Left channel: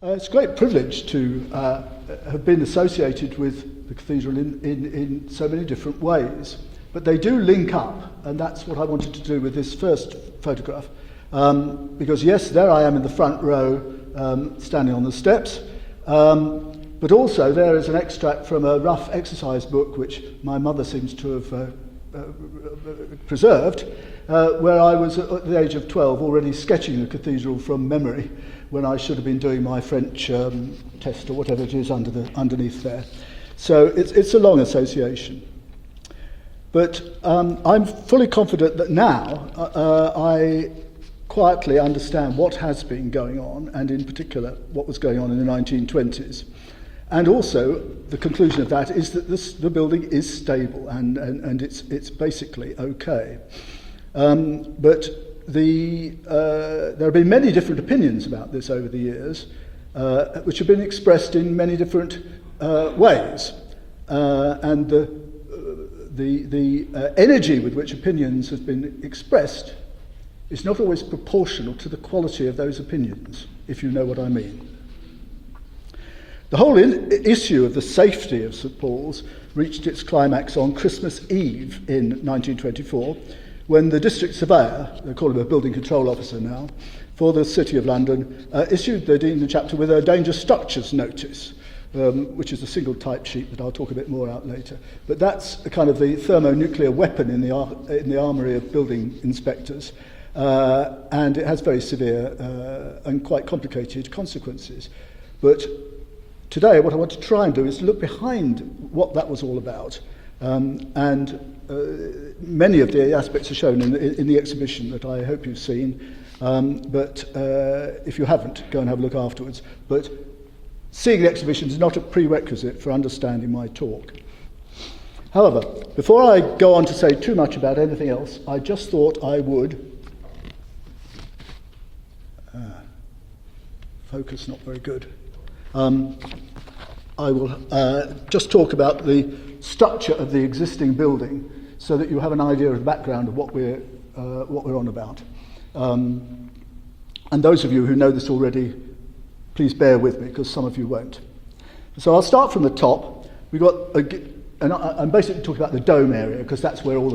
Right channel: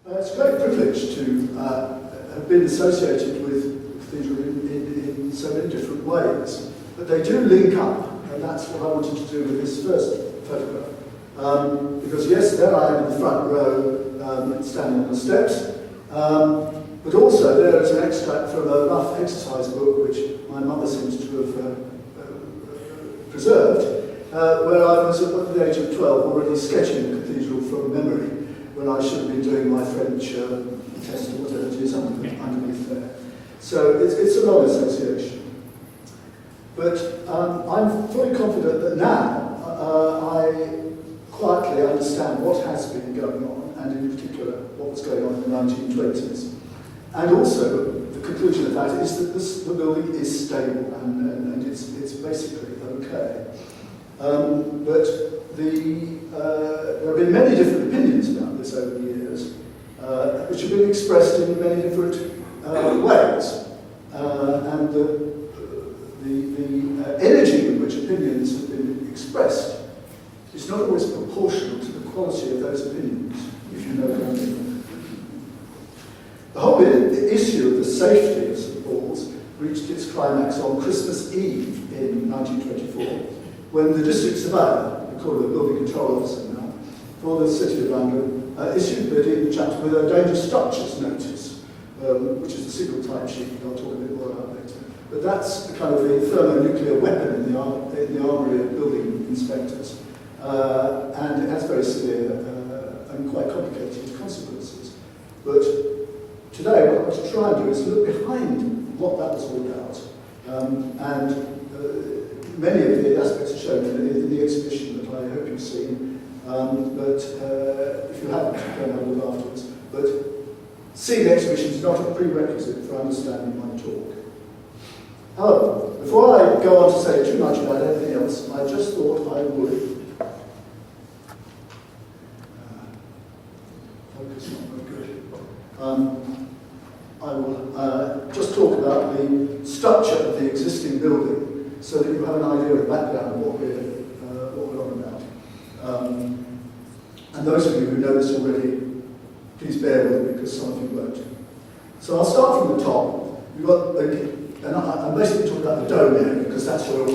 It's a great privilege to have been associated with the cathedral in so many different ways. But they do link up, and that's what I wanted to do with this first photograph. Because yes, there I am in the front row, standing on the steps, but also there is an extract from a rough exercise book which my mother seems to have preserved, where I was at the age of 12 already sketching the cathedral from memory, when I should have been doing my French test or whatever it is underneath there. So it's a long association. But I'm fully confident that now I quietly understand what has been going on, and in particular what was going on in the 1920s. And also the conclusion of that is that the building is stable and it's basically okay. But there have been many different opinions about this over the years, which have been expressed in many different ways. And the energy with which opinions have been expressed is not always proportional to the quality of those opinions, if you know what I mean. The whole issue of the safety of St Paul's reached its climax on Christmas Eve in 1924, when the district surveyor, they call him a building control officer now, for the City of London, issued the Dean of the chapter with a dangerous structures notice, which is a single type sheet that I'll talk a bit more about later. But that's the kind of the thermonuclear weapon in the armoury of building inspectors, and it has very severe and quite complicated consequences. But today what I want to try and do is look behind what that was all about, and many of the aspects are shown in the exhibition that I hope you've seen, but if you haven't, go and have a look afterwards. But seeing the exhibition is not a prerequisite for understanding my talk. However, before I go on to say too much about anything else, I just thought I would focus, not very good. I will just talk about the structure of the existing building, so that you have an idea of the background of what we're on about. And those of you who know this already, please bear with me, because some of you won't. So I'll start from the top. We've got, and I'm basically talking about the dome area, because that's where all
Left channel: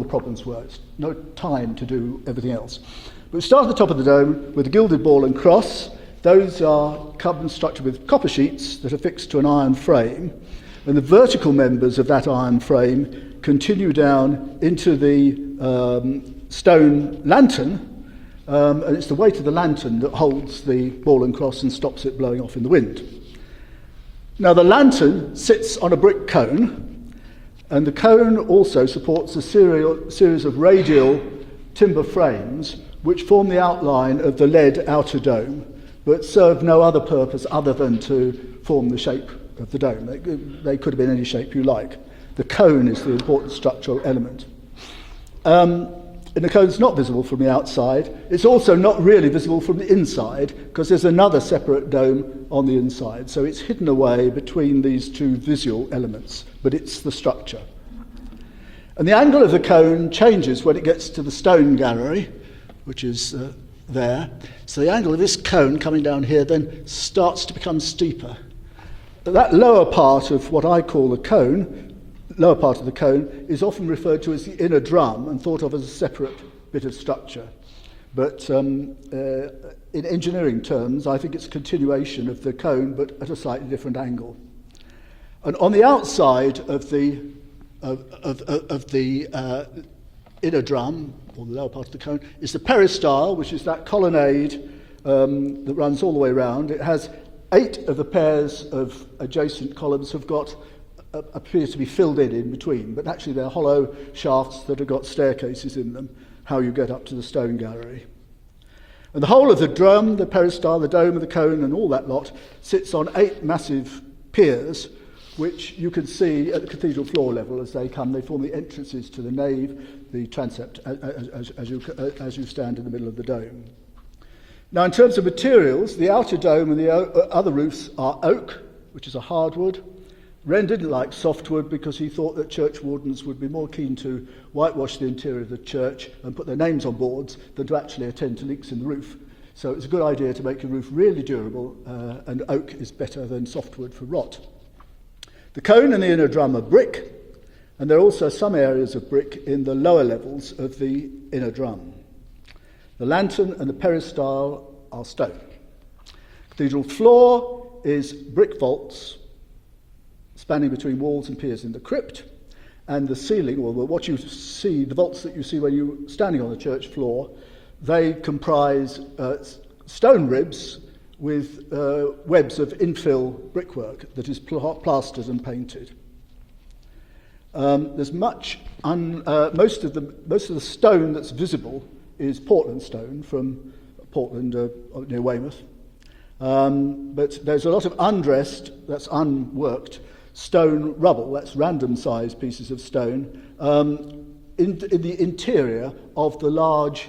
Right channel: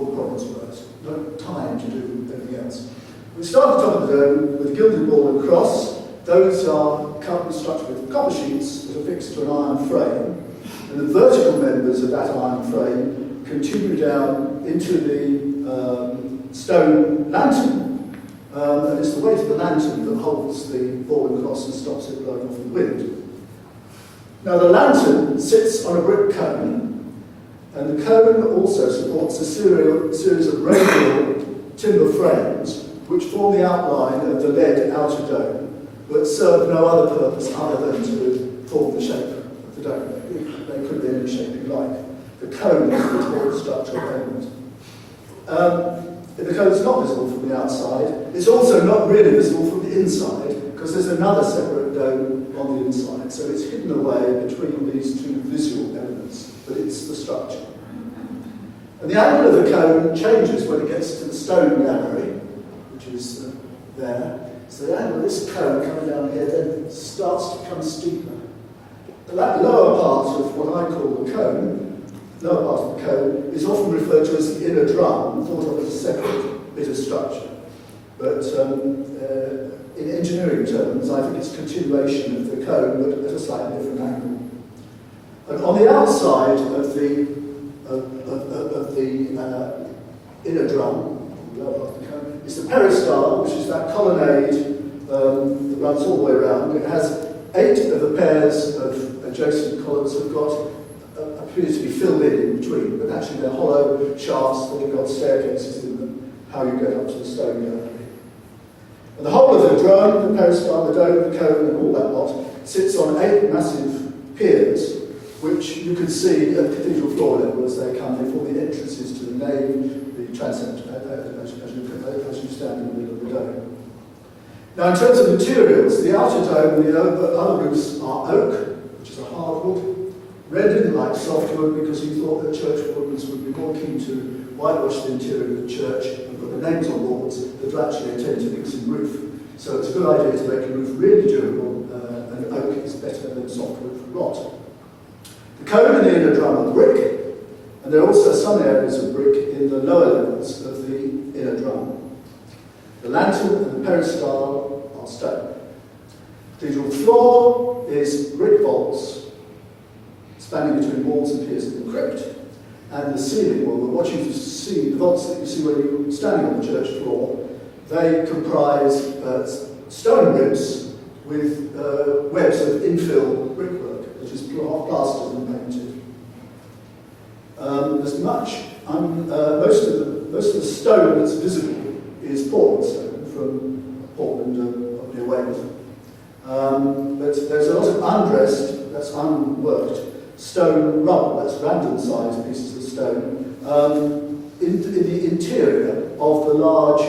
the problems were. There's no time to do everything else. We start at the top of the dome with a gilded ball and cross. Those are carbon structured with copper sheets that are fixed to an iron frame. And the vertical members of that iron frame continue down into the stone lantern, and it's the weight of the lantern that holds the ball and cross and stops it blowing off in the wind. Now the lantern sits on a brick cone, and the cone also supports a series of radial timber frames which form the outline of the lead outer dome, but serve no other purpose other than to form the shape of the dome. They could have been any shape you like. The cone is the important structural element. And the cone is not visible from the outside. It's also not really visible from the inside, because there's another separate dome on the inside. So it's hidden away between these two visual elements, but it's the structure. And the angle of the cone changes when it gets to the stone gallery, which is there. So the angle of this cone coming down here then starts to become steeper. But that lower part of what I call the cone, lower part of the cone, is often referred to as the inner drum and thought of as a separate bit of structure. But in engineering terms, I think it's a continuation of the cone, but at a slightly different angle. And on the outside of the inner drum, on the lower part of the cone, is the peristyle, which is that colonnade that runs all the way around. It has 8 of the pairs of adjacent columns have got appear to be filled in between, but actually they're hollow shafts that have got staircases in them, how you get up to the stone gallery. And the whole of the drum, the peristyle, the dome, the cone, and all that lot sits on 8 massive piers, which you can see at cathedral floor level as they come. They form the entrances to the nave, the transept, as you stand in the middle of the dome. Now, in terms of materials, the outer dome and the other roofs are oak, which is a hardwood. Red didn't like softwood because he thought that church wardens would be more keen to whitewash the interior of the church and put their names on boards than to actually attempt to make some roof. So it's a good idea to make a roof really durable, and oak is better than softwood for rot. The cone and the inner drum are brick, and there are also some areas of brick in the lower levels of the inner drum. The lantern and the peristyle are stone. Cathedral floor is brick vaults spanning between walls and piers in the crypt, and the ceiling wall, what you see, the vaults that you see when you're standing on the church floor, they comprise stone ribs with webs of infill brickwork that is plastered and painted. There's much, most of the stone that's visible is Portland stone from Portland near Weymouth. But there's a lot of undressed, that's unworked, stone rubble, that's random sized pieces of stone, in the interior of the large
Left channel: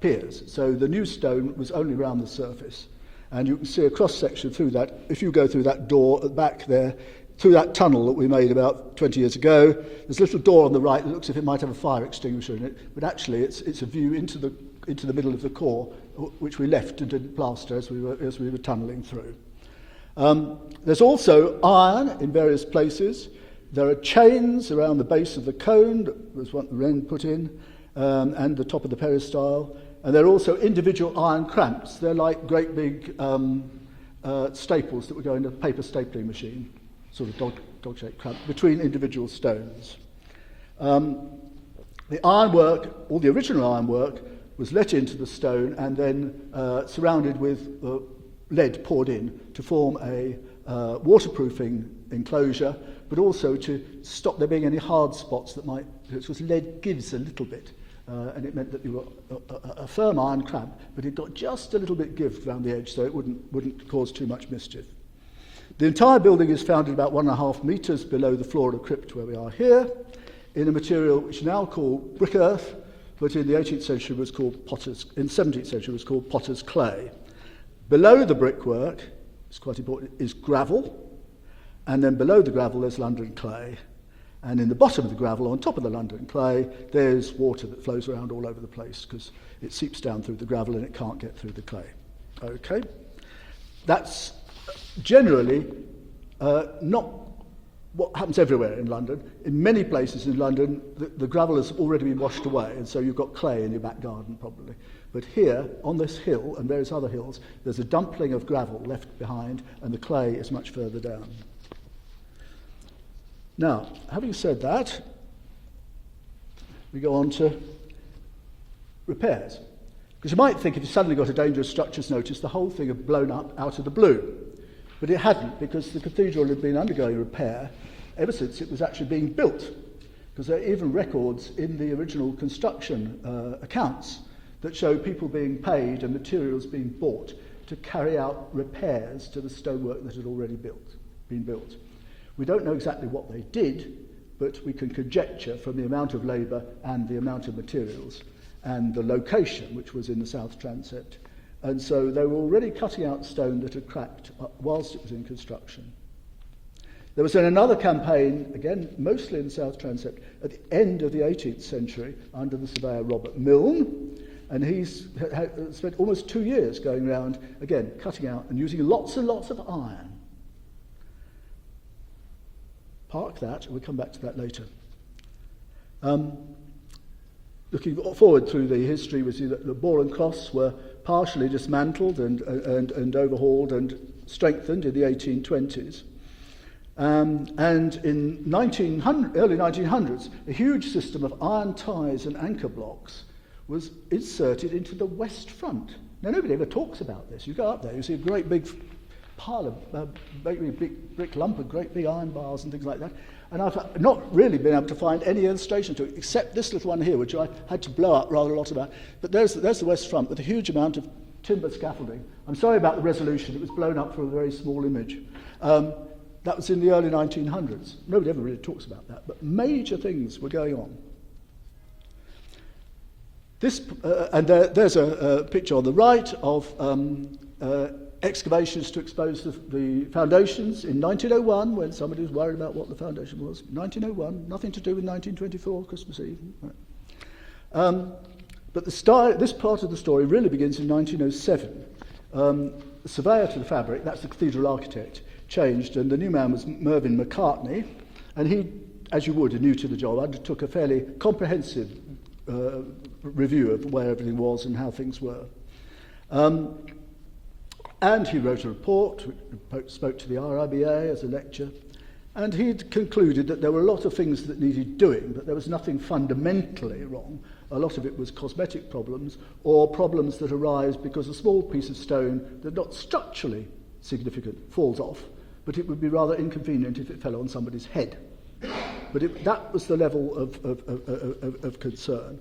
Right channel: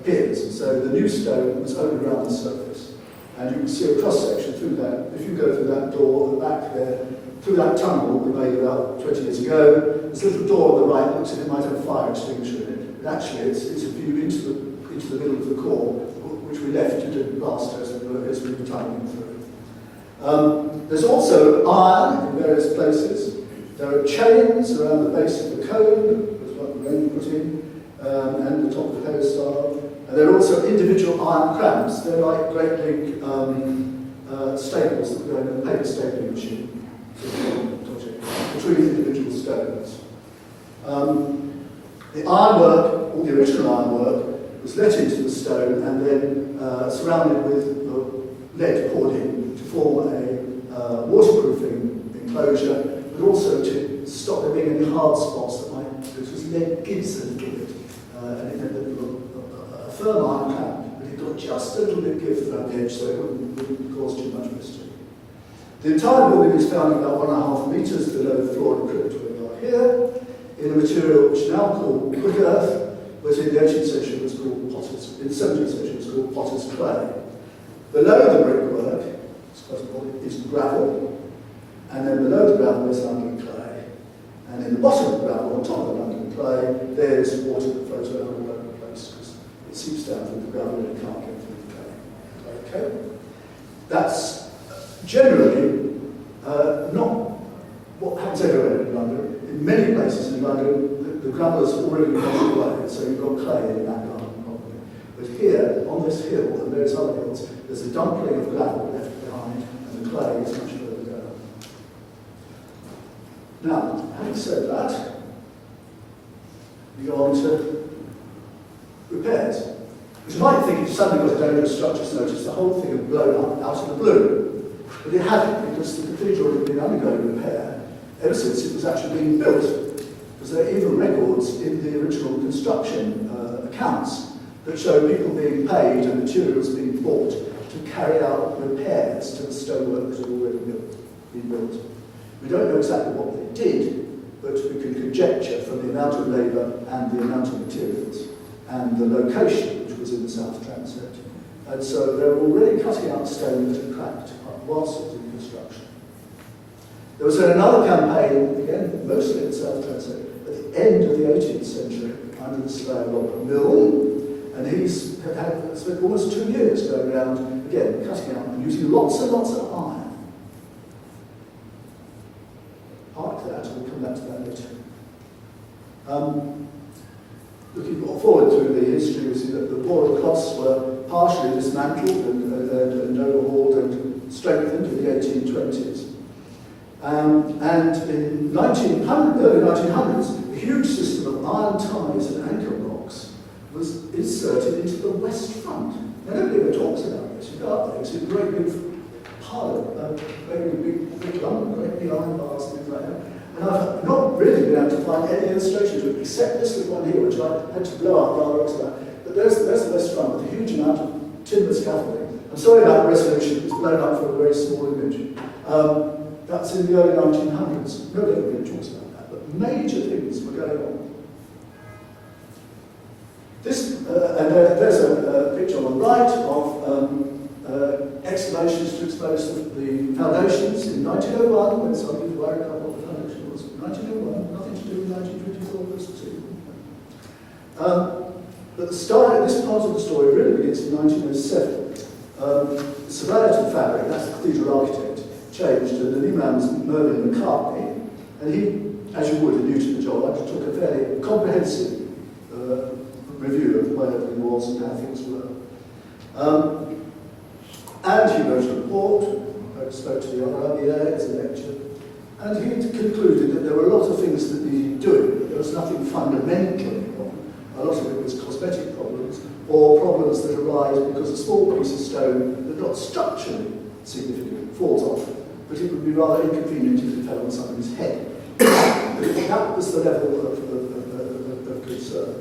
piers. So the new stone was only around the surface. And you can see a cross section through that. If you go through that door at the back there, through that tunnel that we made about 20 years ago, there's a little door on the right that looks as if it might have a fire extinguisher in it. But actually it's a view into the middle of the core, which we left to do plaster as we were tunnelling through. There's also iron in various places. There are chains around the base of the cone, that was what the Wren put in, and the top of the peristyle. And there are also individual iron clamps. They're like great big staples that go in a paper stapling machine, sort of object, between individual stones. The ironwork, all the original ironwork, was let into the stone and then surrounded with lead poured in to form a waterproofing enclosure, but also to stop there being any hard spots that might, which was lead gives a little bit, and it meant that you got a firm iron clamp, but it got just a little bit give around the edge so it wouldn't cause too much mischief. The entire building is found about 1.5 metres below the floor of the crypt where we are here, in a material which is now called brick earth, but in the 18th century was called in the 17th century was called potter's clay. Below the brickwork, it's quite important, is gravel, and then below the gravel is London clay. And in the bottom of the gravel, on top of the London clay, there's water that flows around all over the place because it seeps down through the gravel and it can't get through the clay. Okay? That's generally not what happens everywhere in London. In many places in London, the gravel has already been washed away, and so you've got clay in your back garden probably. But here, on this hill and various other hills, there's a dumpling of gravel left behind, and the clay is much further down. Now, having said that, we go on to repairs. Because you might think if you suddenly got a dangerous structures notice, the whole thing had blown up out of the blue. But it hadn't, because the cathedral had been undergoing repair ever since it was actually being built. Because there are even records in the original construction accounts that show people being paid and materials being bought to carry out repairs to the stonework that had already been built. We don't know exactly what they did, but we can conjecture from the amount of labour and the amount of materials and the location, which was in the south transept. And so they were already cutting out stone that had cracked whilst it was in construction. There was another campaign, again, mostly in the south transept, at the end of the 18th century, under the surveyor Robert Milne, and he's spent almost 2 years going around, again, cutting out and using lots and lots of iron. Park that, and we'll come back to that later. Looking forward through the history, we see that the board cloths were partially dismantled and overhauled and strengthened in the 1820s. And in early 1900s, a huge system of iron ties and anchor blocks was inserted into the west front. Now, nobody ever talks about this. You go up there, you see a great big pile, big lumber, great big iron bars and things like that. And I've not really been able to find any illustration to it, except this little one here, which I had to blow up rather after that. But there's the west front with a huge amount of timber scaffolding. I'm sorry about the resolution, it was blown up for a very small image. That was in the early 1900s. Nobody ever really talks about that, but major things were going on. This, and there's a picture on the right of excavations to expose the foundations in 1901, when somebody was worried about what the foundation was. 1901, nothing to do with 1924 Christmas Eve. But this part of the story really begins in 1907. The surveyor to the fabric, that's the cathedral architect, changed, and the new man was Mervyn McCartney, and he, as you would, new to the job, took a fairly comprehensive review of where everything was and how things were. And he wrote a report, spoke to the RIBA as a lecture, and he had concluded that there were a lot of things that needed doing, but there was nothing fundamentally wrong. A lot of it was cosmetic problems, or problems that arise because a small piece of stone that not structurally significant falls off, but it would be rather inconvenient if it fell on somebody's head. But that was the level of concern.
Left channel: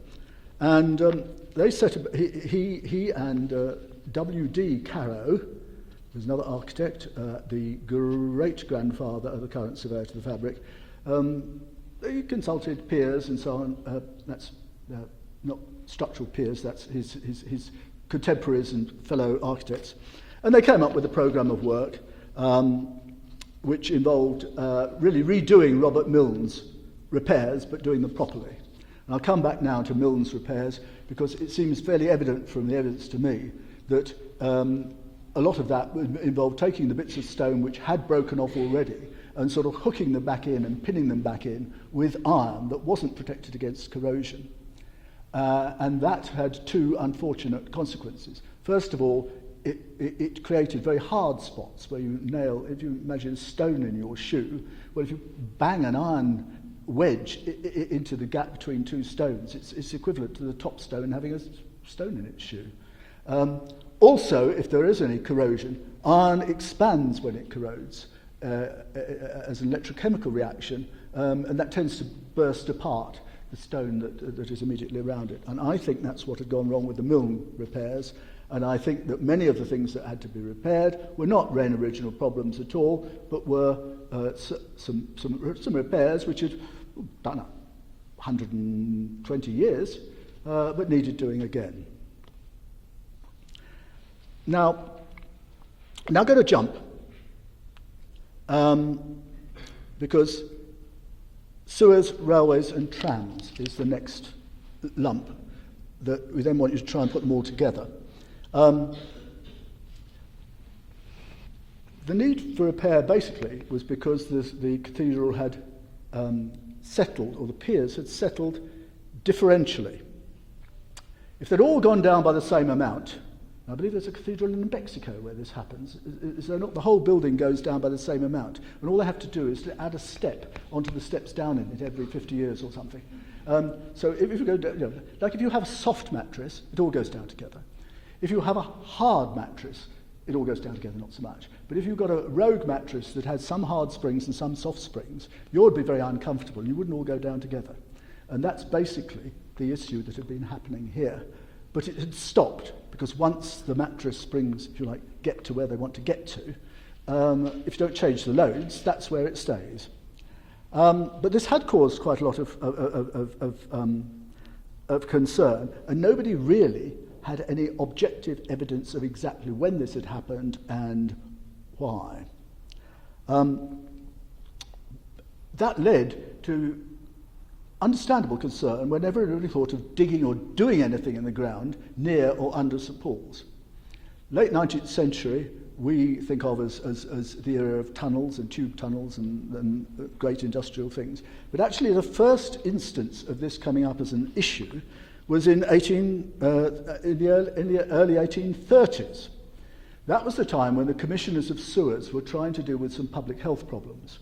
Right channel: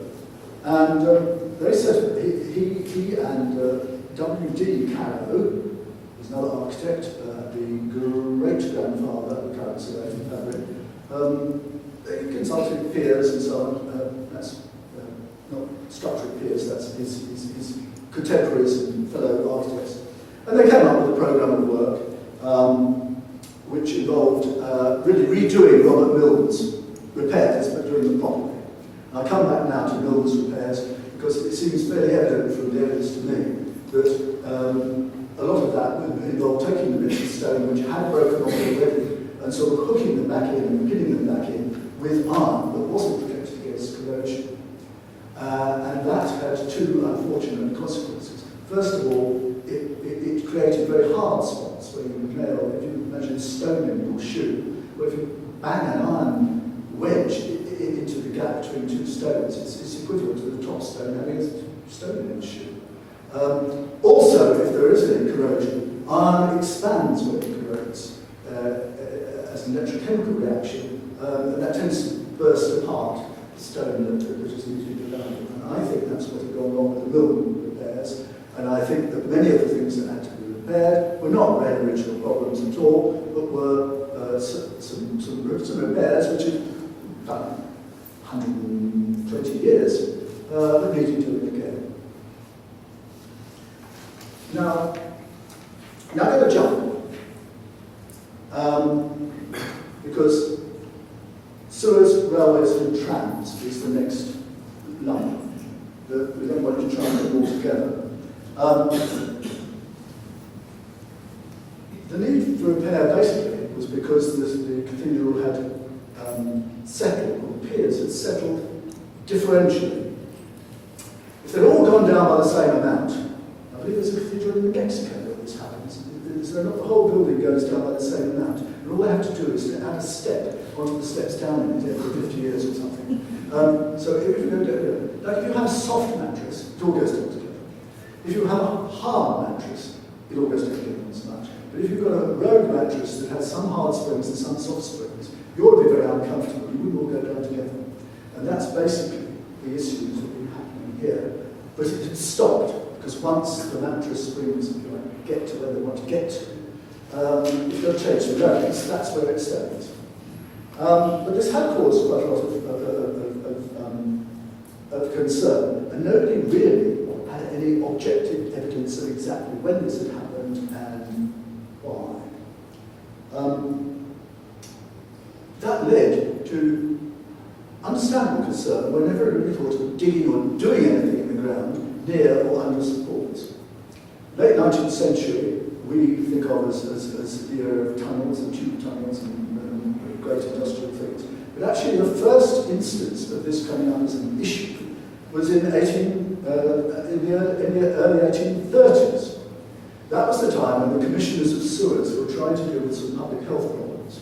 And they said he and W.D. Carrow, who's another architect, the great-grandfather of the current surveyor from fabric, they consulted peers and so on. That's not structural peers, that's his contemporaries and fellow architects. And they came up with a programme of work which involved really redoing Robert Mill's repairs, but doing them properly. And I'll come back now to Mill's repairs because it seems fairly evident from the evidence to me that a lot of that involved taking the bits of stone which had broken off already and sort of hooking them back in and pinning them back in with iron that wasn't protected against corrosion. And that had two unfortunate consequences. First of all, it created very hard spots where you nail, if you imagine a stone in your shoe, well, if you bang an iron wedge into the gap between two stones, it's equivalent to the top stone having a stone in its shoe. Also, if there is any corrosion, iron expands when it corrodes as an electrochemical reaction, and that tends to burst apart the stone that is immediately around it. And I think that's what had gone wrong with the mill repairs, and I think that many of the things that had to be repaired were not very original problems at all, but were some repairs which had done 120 years, but needed doing again. Now I'm going to jump, because sewers, railways and trams is the next lump that we then want to try and put them all together. The need for repair basically was because the cathedral had settled, or the piers had settled differentially. If they'd all gone down by the same amount, I believe there's a cathedral in Mexico where this happens. Is there not the whole building goes down by the same amount, and all they have to do is to add a step onto the steps down in it every 50 years or something. So if you go, like if you have a soft mattress, it all goes down together. If you have a hard mattress, it all goes down together as much. But if you've got a road mattress that has some hard springs and some soft springs, you would be very uncomfortable. You wouldn't all go down together. And that's basically the issue that had been happening here. But it had stopped, because once the mattress springs, if you like, get to where they want to get to, if you don't change the locus, that's where it stays. But this had caused quite a lot of concern, and nobody really had any objective evidence of exactly when this had happened and why. That led to understandable concern whenever anybody thought of digging or doing anything in the ground near or under supports. Late 19th century, we think of as the era of tunnels and tube tunnels and great industrial things. But actually the first instance of this coming up as an issue was in the early 1830s. That was the time when the commissioners of sewers were trying to deal with some public health problems.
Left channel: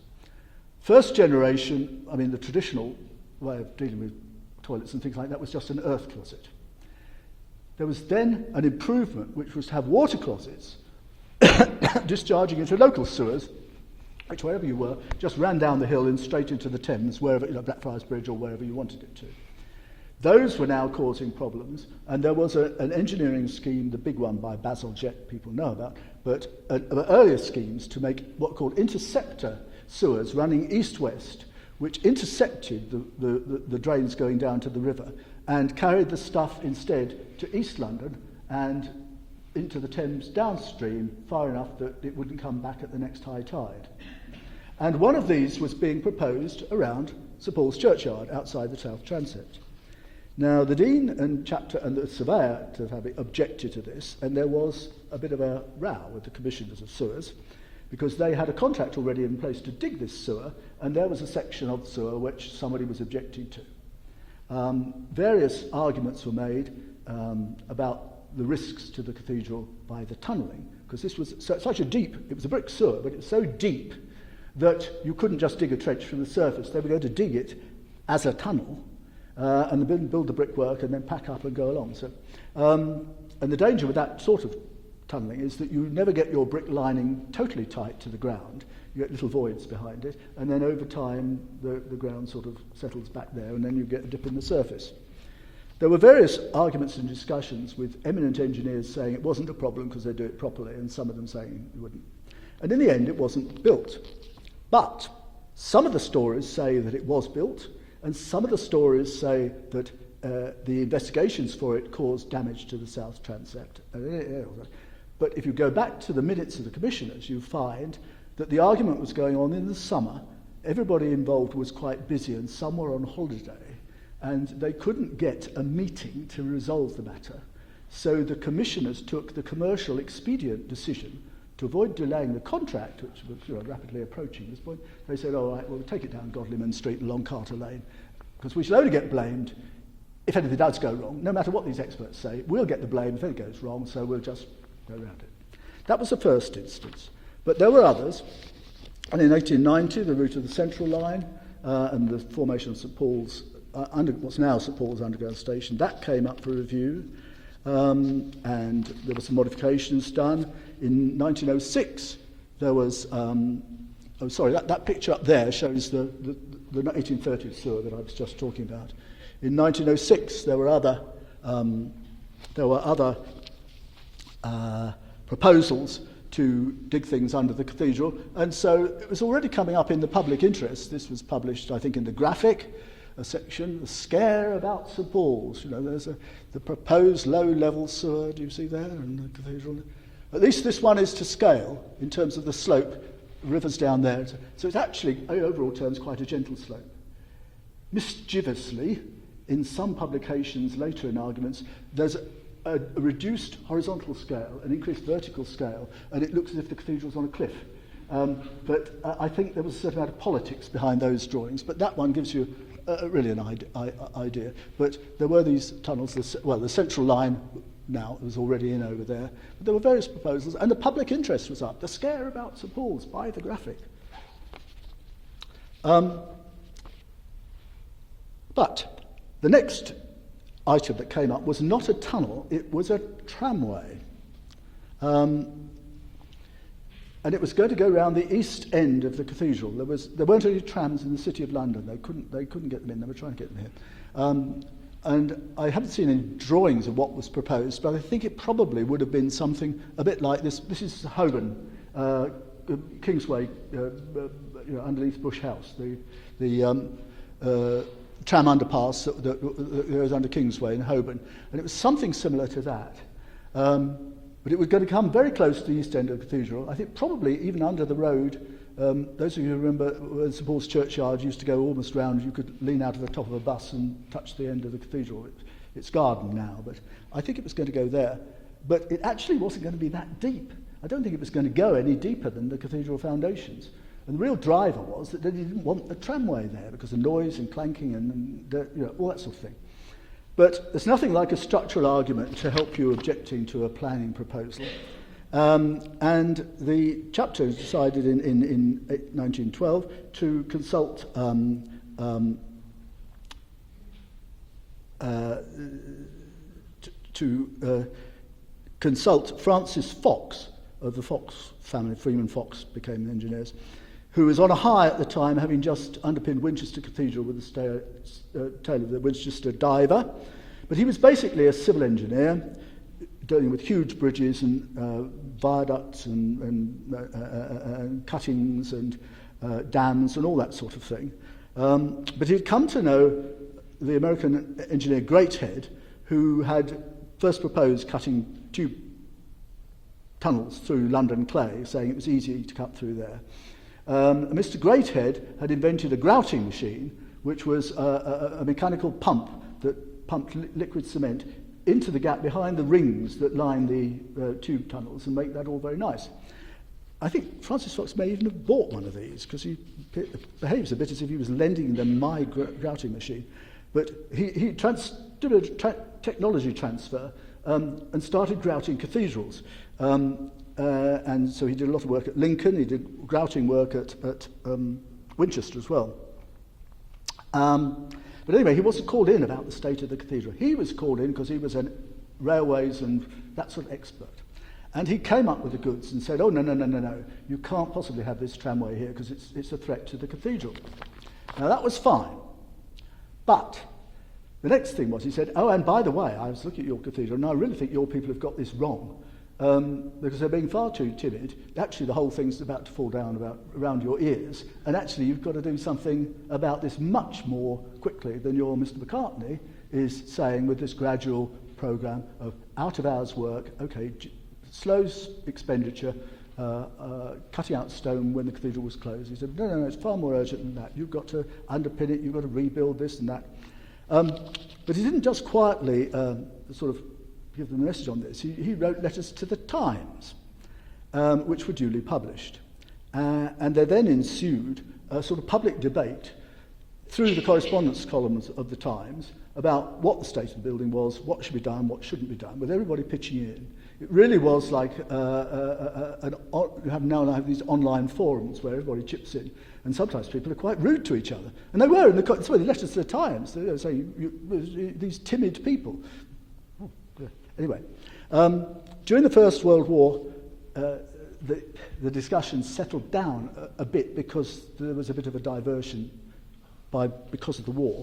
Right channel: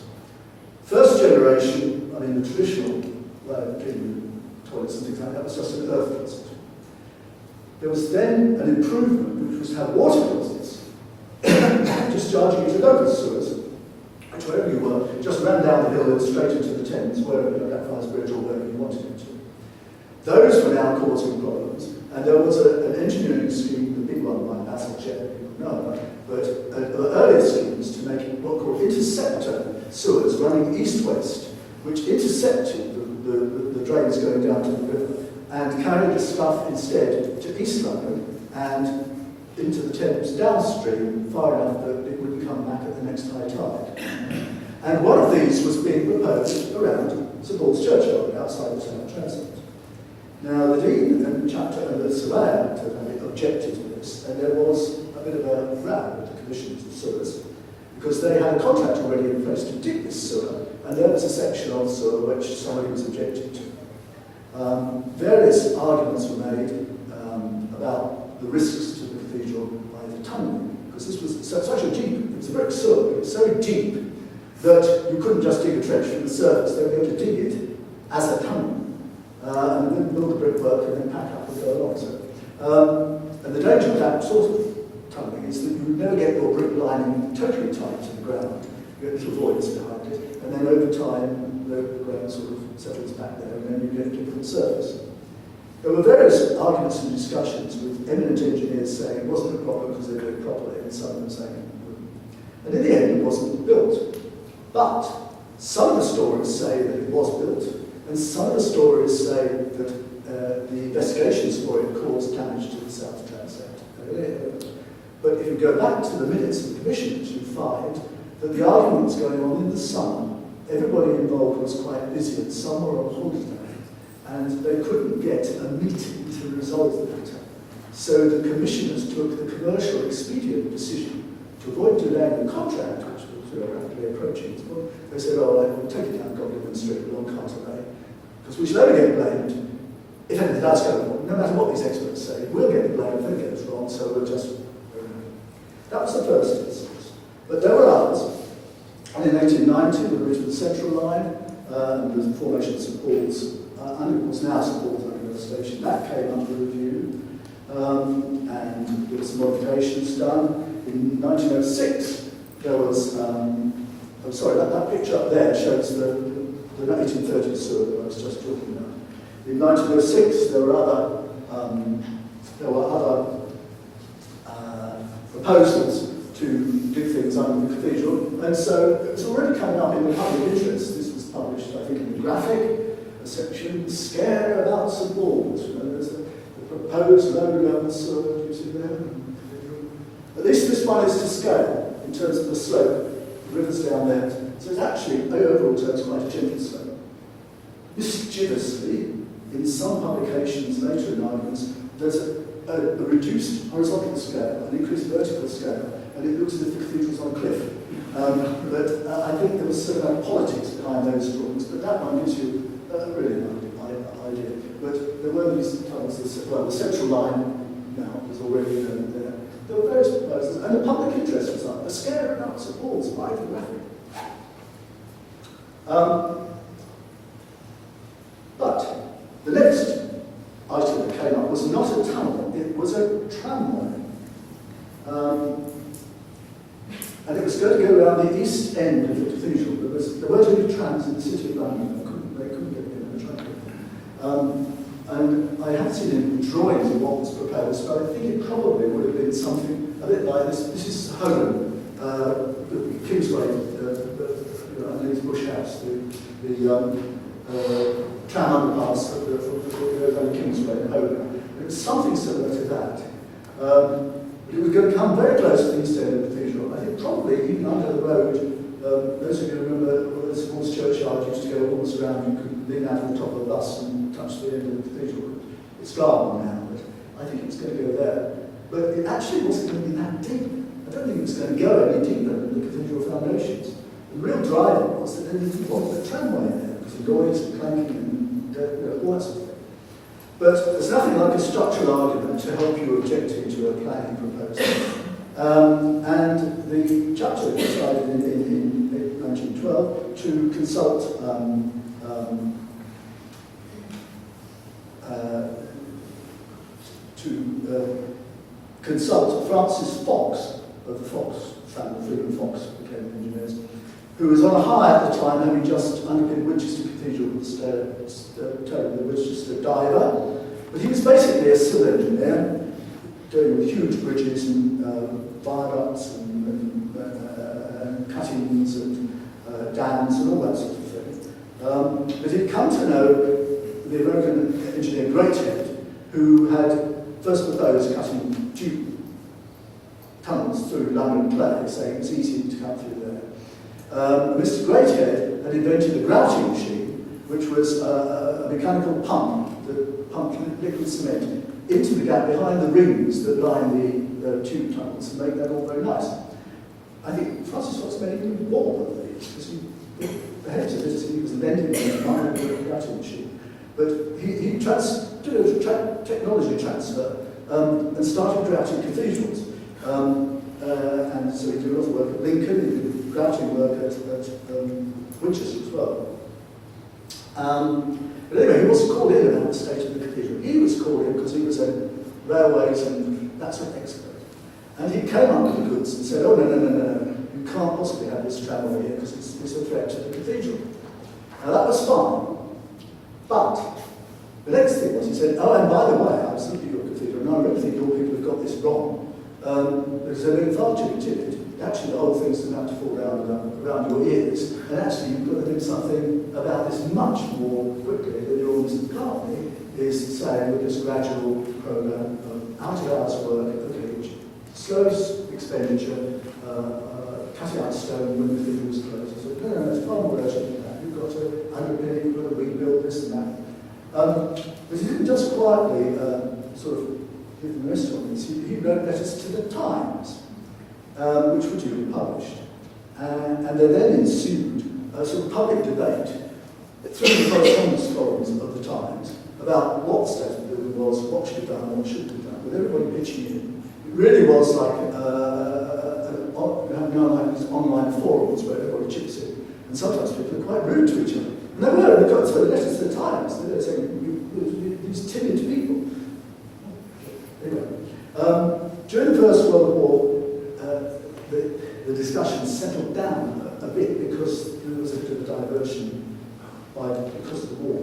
First generation, I mean the traditional way of dealing with toilets and things like that was just an earth closet. There was then an improvement which was to have water closets discharging into local sewers, which wherever you were, just ran down the hill and straight into the Thames, wherever the Blackfriars Bridge or wherever you wanted it to be. Those were now causing problems, and there was an engineering scheme, the big one by Basil Jett that people know about, but earlier schemes to make what were called interceptor sewers running east-west, which intercepted the drains going down to the river and carried the stuff instead to East London and into the Thames downstream far enough that it wouldn't come back at the next high tide. And one of these was being proposed around St Paul's Churchyard outside the town transept. Now, the Dean and Chapter and the Surveyor objected to this, and there was a bit of a row with the Commission of Sewers, because they had a contract already in place to dig this sewer, and there was a section of sewer which somebody was objecting to. Various arguments were made about the risks to the cathedral by the tunnelling, because this was such a deep, it was a brick sewer, but it was so deep that you couldn't just dig a trench from the surface. They were going to dig it as a tunnel, and then build the brickwork and then pack up and go along. So, and the danger of that sort of tunnelling is that you never get your brick lining totally tight to the ground. You get little voids behind it, and then over time the ground sort of settles back there, and then you get a dip from the surface. There were various arguments and discussions with eminent engineers saying it wasn't a problem because they did it properly, and some of them saying it wouldn't. And in the end, it wasn't built. But some of the stories say that it was built, and some of the stories say that the investigations for it caused damage to the south transept. But if you go back to the minutes of the commissioners, you find that the argument was going on in the summer. Everybody involved was quite busy, and some were on holiday, and they couldn't get a meeting to resolve the matter. So the commissioners took the commercial expedient decision to avoid delaying the contract, which was rapidly approaching. Well, they said, oh, we'll take it down Godwin Street along Carter Lane, because we should only get blamed if anything does go wrong. No matter what these experts say, we'll get the blame if anything goes wrong, so we'll just... That was the first instance. But there were others. And in 1890, the route of the Central Line and the formation of St Paul's, what's now St Paul's Underground Station, that came up for review. And there were some modifications done. In 1906, there was, I'm sorry, that picture up there shows the 1830 sewer that I was just talking about. In 1906, there were other proposals to dig things under the cathedral, and so it was already coming up in the public interest. This was published, I think, in the Graphic, a section, Scare About St Paul's. You know, there's the proposed low-level sewer, do you see there, in the cathedral? At least this one is to scale, in terms of the slope, the river's down there, so it's actually, overall, so it's quite a gentle slope. Mischievously, in some publications later in arguments, there's a reduced horizontal scale, an increased vertical scale, and it looks as if the cathedral's on a cliff. But I think there was certain politics behind those drawings, but that one gives you really an idea. But there were these tunnels, the Central Line now was already in over there. There were various proposals, and the public interest was up. The Scare About St Paul's, by the Graphic. But the next item that came up was not a tunnel, it was a tramway. And it was going to go around the east end of the cathedral. There weren't any trams in the City of London, they couldn't get in, they were trying to get in. And I haven't seen any drawings of what was proposed, but I think it probably would have been something a bit like this. This is Holborn, Kingsway, underneath Bush House, the tram underpass that goes under Kingsway in Holborn. And it was something similar to that. But it was going to come very close to the east end of the cathedral. I think probably even under the road. Those of you who remember where St Paul's churchyard used to go almost round, you could lean out of the top of a bus and touch the end of the cathedral. It's garden now, but I think it was going to go there. But it actually wasn't going to be that deep. I don't think it was going to go any deeper than the cathedral foundations. And the real driver was that they didn't want the tramway there, because the noise and clanking and all that sort of thing. But there's nothing like a structural argument to help you objecting to a planning proposal. And the chapter decided in 1912 to consult consult Francis Fox of the Fox family, Freeman Fox became engineers, who was on a hire at the time, having just underpinned Winchester Cathedral with the Winchester diver. But he was basically a civil engineer, dealing with huge bridges and viaducts and cuttings and dams and all that sort of thing. But he'd come to know the American engineer Greathead, who had first proposed cutting tube tunnels through London clay, saying it was easy to cut through there. Mr. Greathead had invented a grouting machine, which was a mechanical pump that pumped liquid cement into the gap behind the rings that line the tube tunnels and make that all very nice. I think Francis Fox may even have bought one of these because he behaves a bit as if he was lending them a minor grouting machine. But he did a technology transfer and started grouting cathedrals. And so he did a lot of work at Lincoln, he did grouting work at Winchester as well. But anyway, he wasn't called in about the state of the cathedral. He was called in because he was a railways and that sort of expert. And he came up with the goods and said, oh, no, you can't possibly have this tramway here because it's a threat to the cathedral. Now that was fine, but the next thing was he said, oh, and by the way, I was looking at your cathedral and I really think your people have got this wrong because they're being far too timid. Actually, the whole thing's about to fall down around your ears, and actually you've got to do something about this much more quickly than your Mr. McCartney is saying with this gradual programme of out-of-hours work, okay, slow expenditure, cutting out stone when the cathedral was closed. He said, no, it's far more urgent than that. You've got to underpin it, you've got to rebuild this and that. But he didn't just quietly sort of give them the rest on this. He wrote letters to the Times, which were duly published. And there then ensued a sort of public debate through the correspondence columns of the Times about what the state of the building was, what should be done, what shouldn't be done, with everybody pitching in. It really was like now have these online forums where everybody chips in, and sometimes people are quite rude to each other. And they were, they got letters to the Times, they were saying, these timid people. Anyway, during the First World War, the discussion settled down a bit because there was a bit of a diversion because of the war.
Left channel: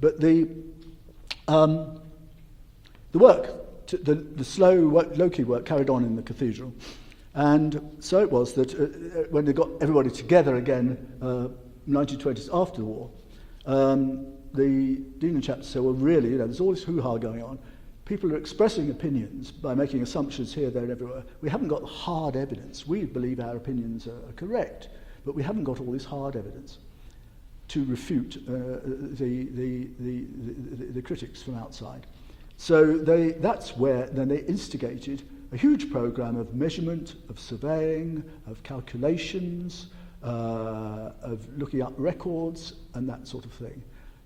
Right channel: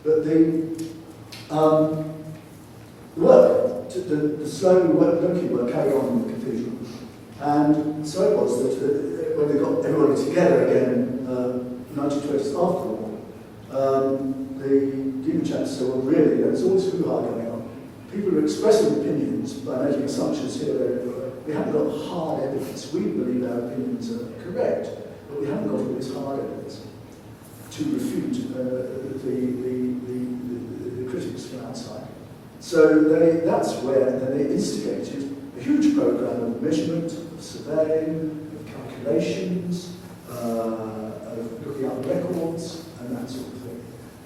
But the work, the slow low-key work carried on in the cathedral, and so it was that when they got everybody together again in 1920s after the war, the Dean and Chancellor were really, there's all this hoo-ha going on. People were expressing opinions by making assumptions here, there, everywhere. We haven't got hard evidence. We believe our opinions are correct, but we haven't got all this hard evidence to refute the critics from outside. So that's where they instigated a huge program of measurement, of surveying, of calculations, of looking up records, and that sort of thing.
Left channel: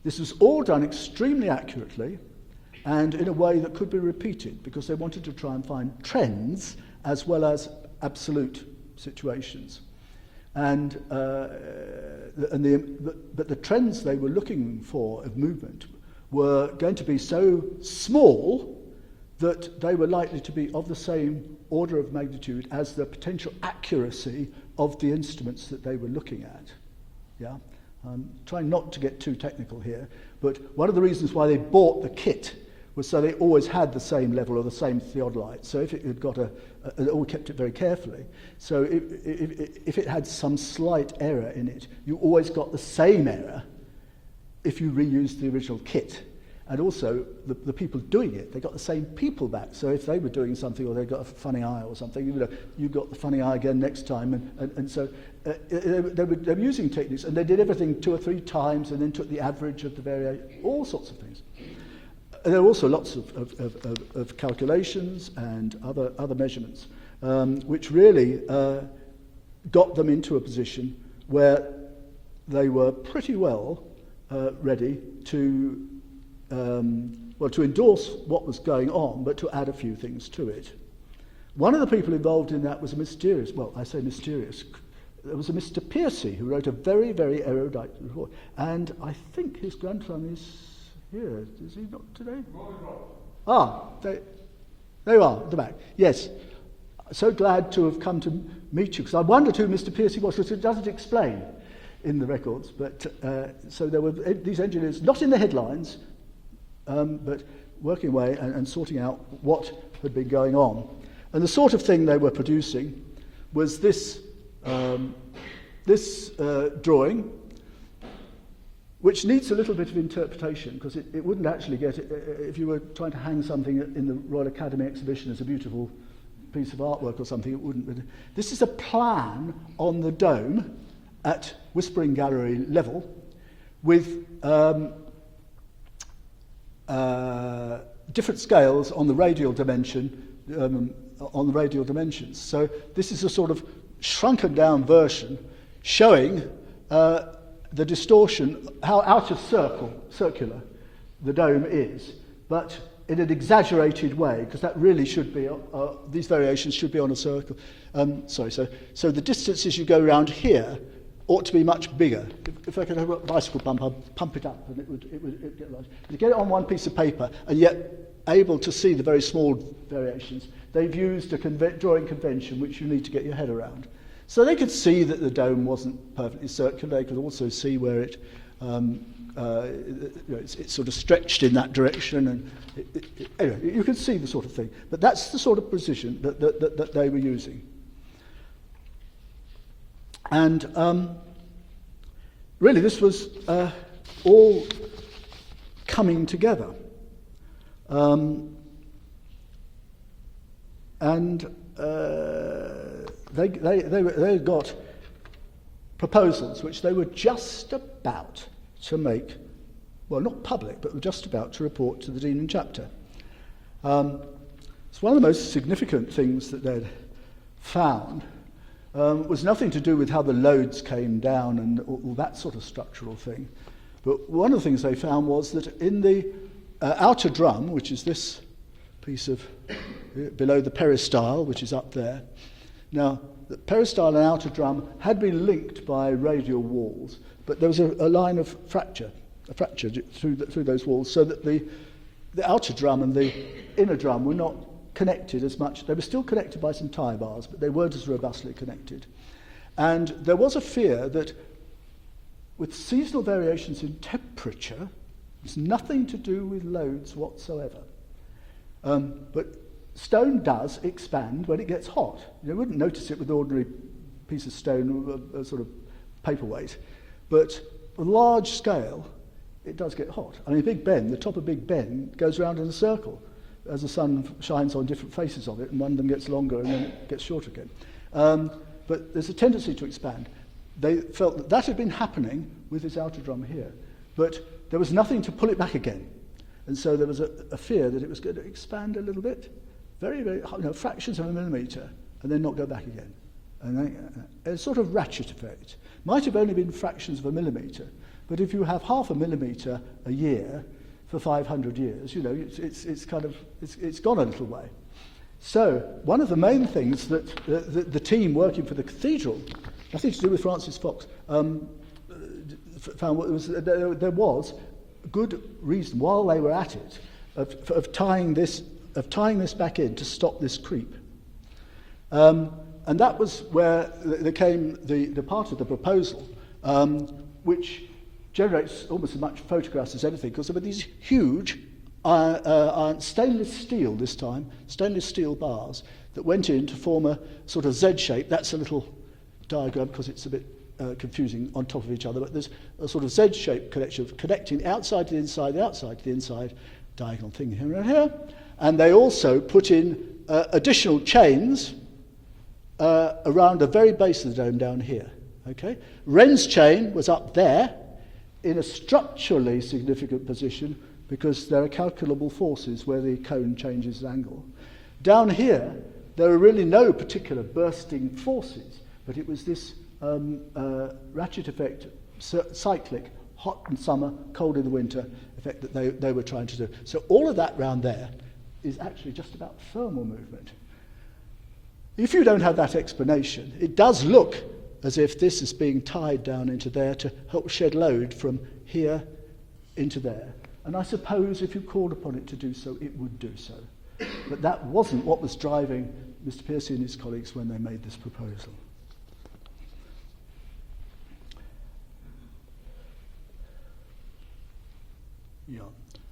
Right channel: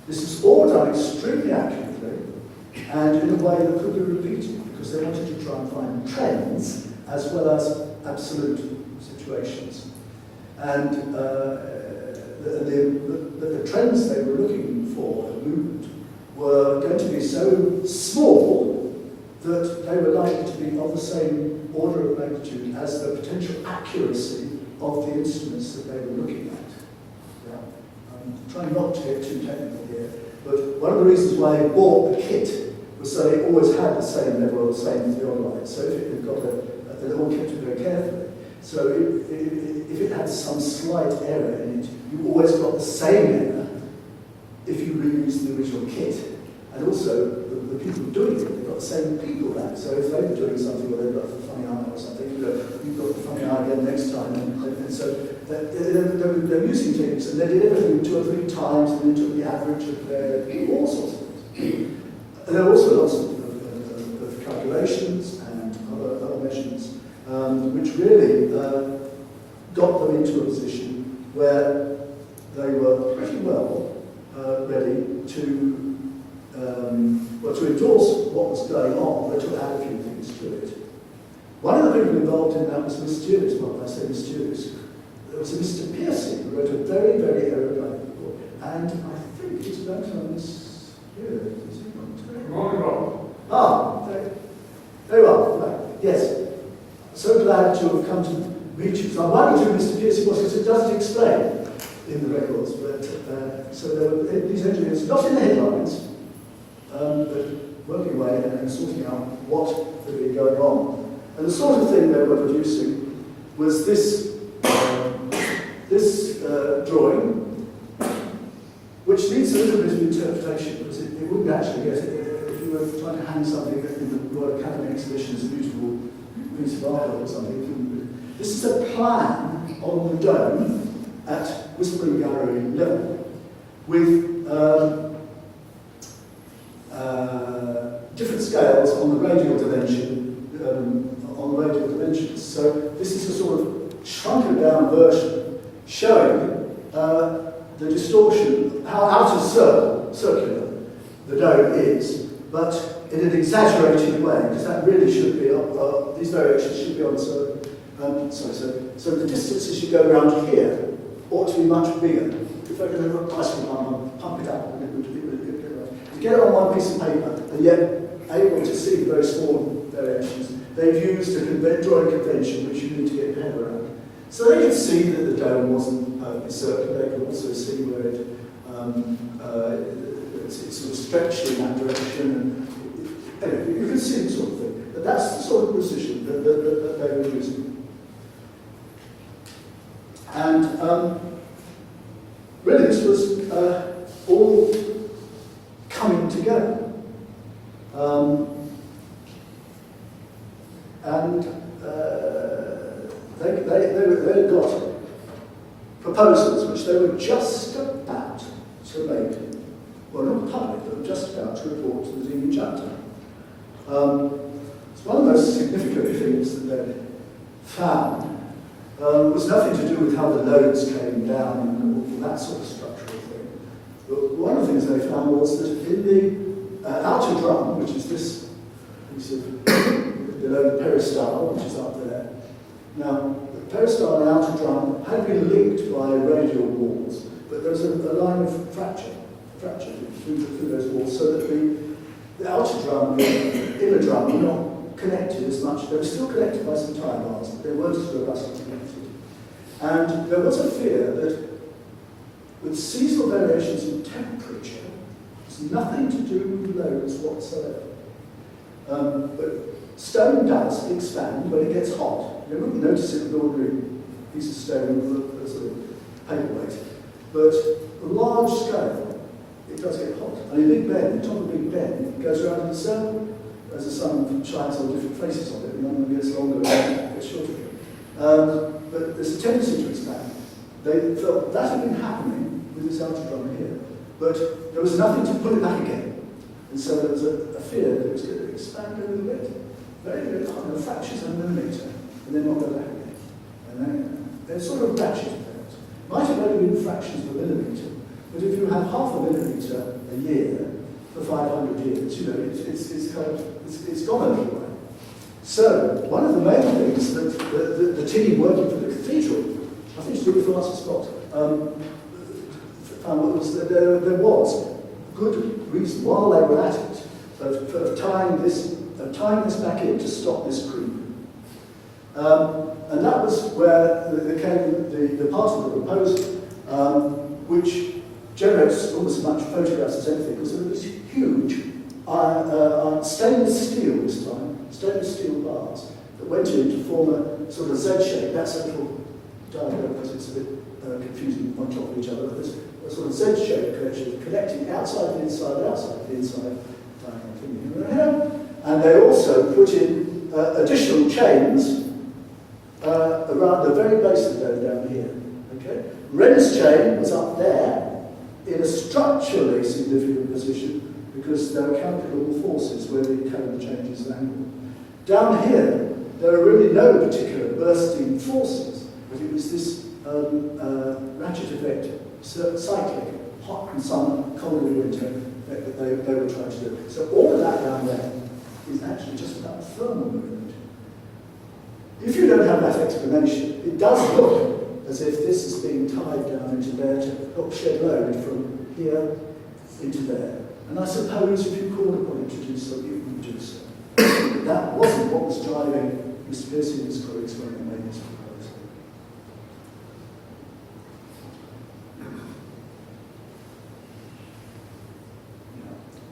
This is all done extremely accurately and in a way that could be repeated because they wanted to try and find trends as well as absolute situations. And the trends they were looking for of movement were going to be so small that they were likely to be of the same order of magnitude as the potential accuracy of the instruments that they were looking at. Yeah? Trying not to get too technical here, but one of the reasons why they bought the kit was so they always had the same level or the same theodolite. So if it had got they all kept it very carefully. So if it had some slight error in it, you always got the same error if you reused the original kit. And also, the people doing it, they got the same people back. So if they were doing something or they got a funny eye or something, you got the funny eye again next time. And so they were using techniques, and they did everything 2 or 3 times, and then took the average of all sorts of things. And there were also lots of calculations and other measurements, which really got them into a position where they were pretty well ready to endorse what was going on, but to add a few things to it. One of the people involved in that was mysterious. Well, I say mysterious. There was a Mr. Piercy who wrote a very, very erudite report, and I think his grandson is here. Is he not today? Ah, there you are, at the back. Yes. So glad to have come to meet you. So I wondered who Mr. Piercy was, because it doesn't explain in the records. But so there were these engineers, not in the headlines, but working away and sorting out what had been going on. And the sort of thing they were producing was this drawing, which needs a little bit of interpretation, because it wouldn't actually get it. If you were trying to hang something in the Royal Academy exhibition as a beautiful piece of artwork or something, it wouldn't really. This is a plan on the dome at Whispering Gallery level with different scales on the radial dimension, on the radial dimensions. So this is a sort of shrunken down version showing the distortion, how out of circular the dome is, but in an exaggerated way, because that really should be, these variations should be on a circle. So the distances you go around here ought to be much bigger. If I could have a bicycle pump, I'll pump it up. You get it on one piece of paper, and yet able to see the very small variations. They've used a drawing convention which you need to get your head around. So they could see that the dome wasn't perfectly circular. They could also see where it sort of stretched in that direction. And anyway, you can see the sort of thing. But that's the sort of precision that they were using. And really, this was all coming together. They got proposals which they were just about to make, well, not public, but just about to report to the Dean and Chapter. It's one of the most significant things that they found was nothing to do with how the loads came down and all that sort of structural thing. But one of the things they found was that in the outer drum, which is this piece of below the peristyle, which is up there. Now, the peristyle and outer drum had been linked by radial walls, but there was a line of fracture through those walls, so that the outer drum and the inner drum were not connected as much. They were still connected by some tie bars, but they weren't as robustly connected. And there was a fear that with seasonal variations in temperature, it's nothing to do with loads whatsoever. But stone does expand when it gets hot. You wouldn't notice it with an ordinary piece of stone with a sort of paperweight. But on large scale, it does get hot. I mean, Big Ben, the top of Big Ben, goes around in a circle as the sun shines on different faces of it, and one of them gets longer and gets shorter again. But there's a tendency to expand. They felt that had been happening with this outer drum here, but there was nothing to pull it back again. And so there was a fear that it was going to expand a little bit, very, very hard, fractions of a millimetre, and then not go back again. And then, sort of ratchet effect. Might have only been fractions of a millimetre, but if you have half a millimetre a year for 500 years, you know, it's gone a little way. So one of the main things that the team working for the Cathedral, nothing to do with Francis Fox, found was that there was good reason while they were at it of tying this back in to stop this creep. And that was where there came the part of the proposal which generates almost as much photographs as anything, because there were these huge stainless steel this time, stainless steel bars that went in to form a sort of Z shape. That's a little diagram because it's a bit confusing on top of each other. There's a sort of Z-shaped connection connecting outside to inside, diagonal thing here and here. And they also put in additional chains around the very base of the dome down here. Okay? Wren's chain was up there in a structurally significant position because there are calculable forces where the cone changes angle. Down here, there are really no particular bursting forces, but it was this ratchet effect, cyclic, hot in summer, cold in the winter effect that they were trying to do. So all of that down there is actually just about thermal movement. If you don't have that explanation, it does look as if this is being tied down into there to help shed load from here into there. And I suppose if you called upon it to do so, it would do so. But that wasn't what was driving Miss Pearcey and his colleagues when they made this proposal.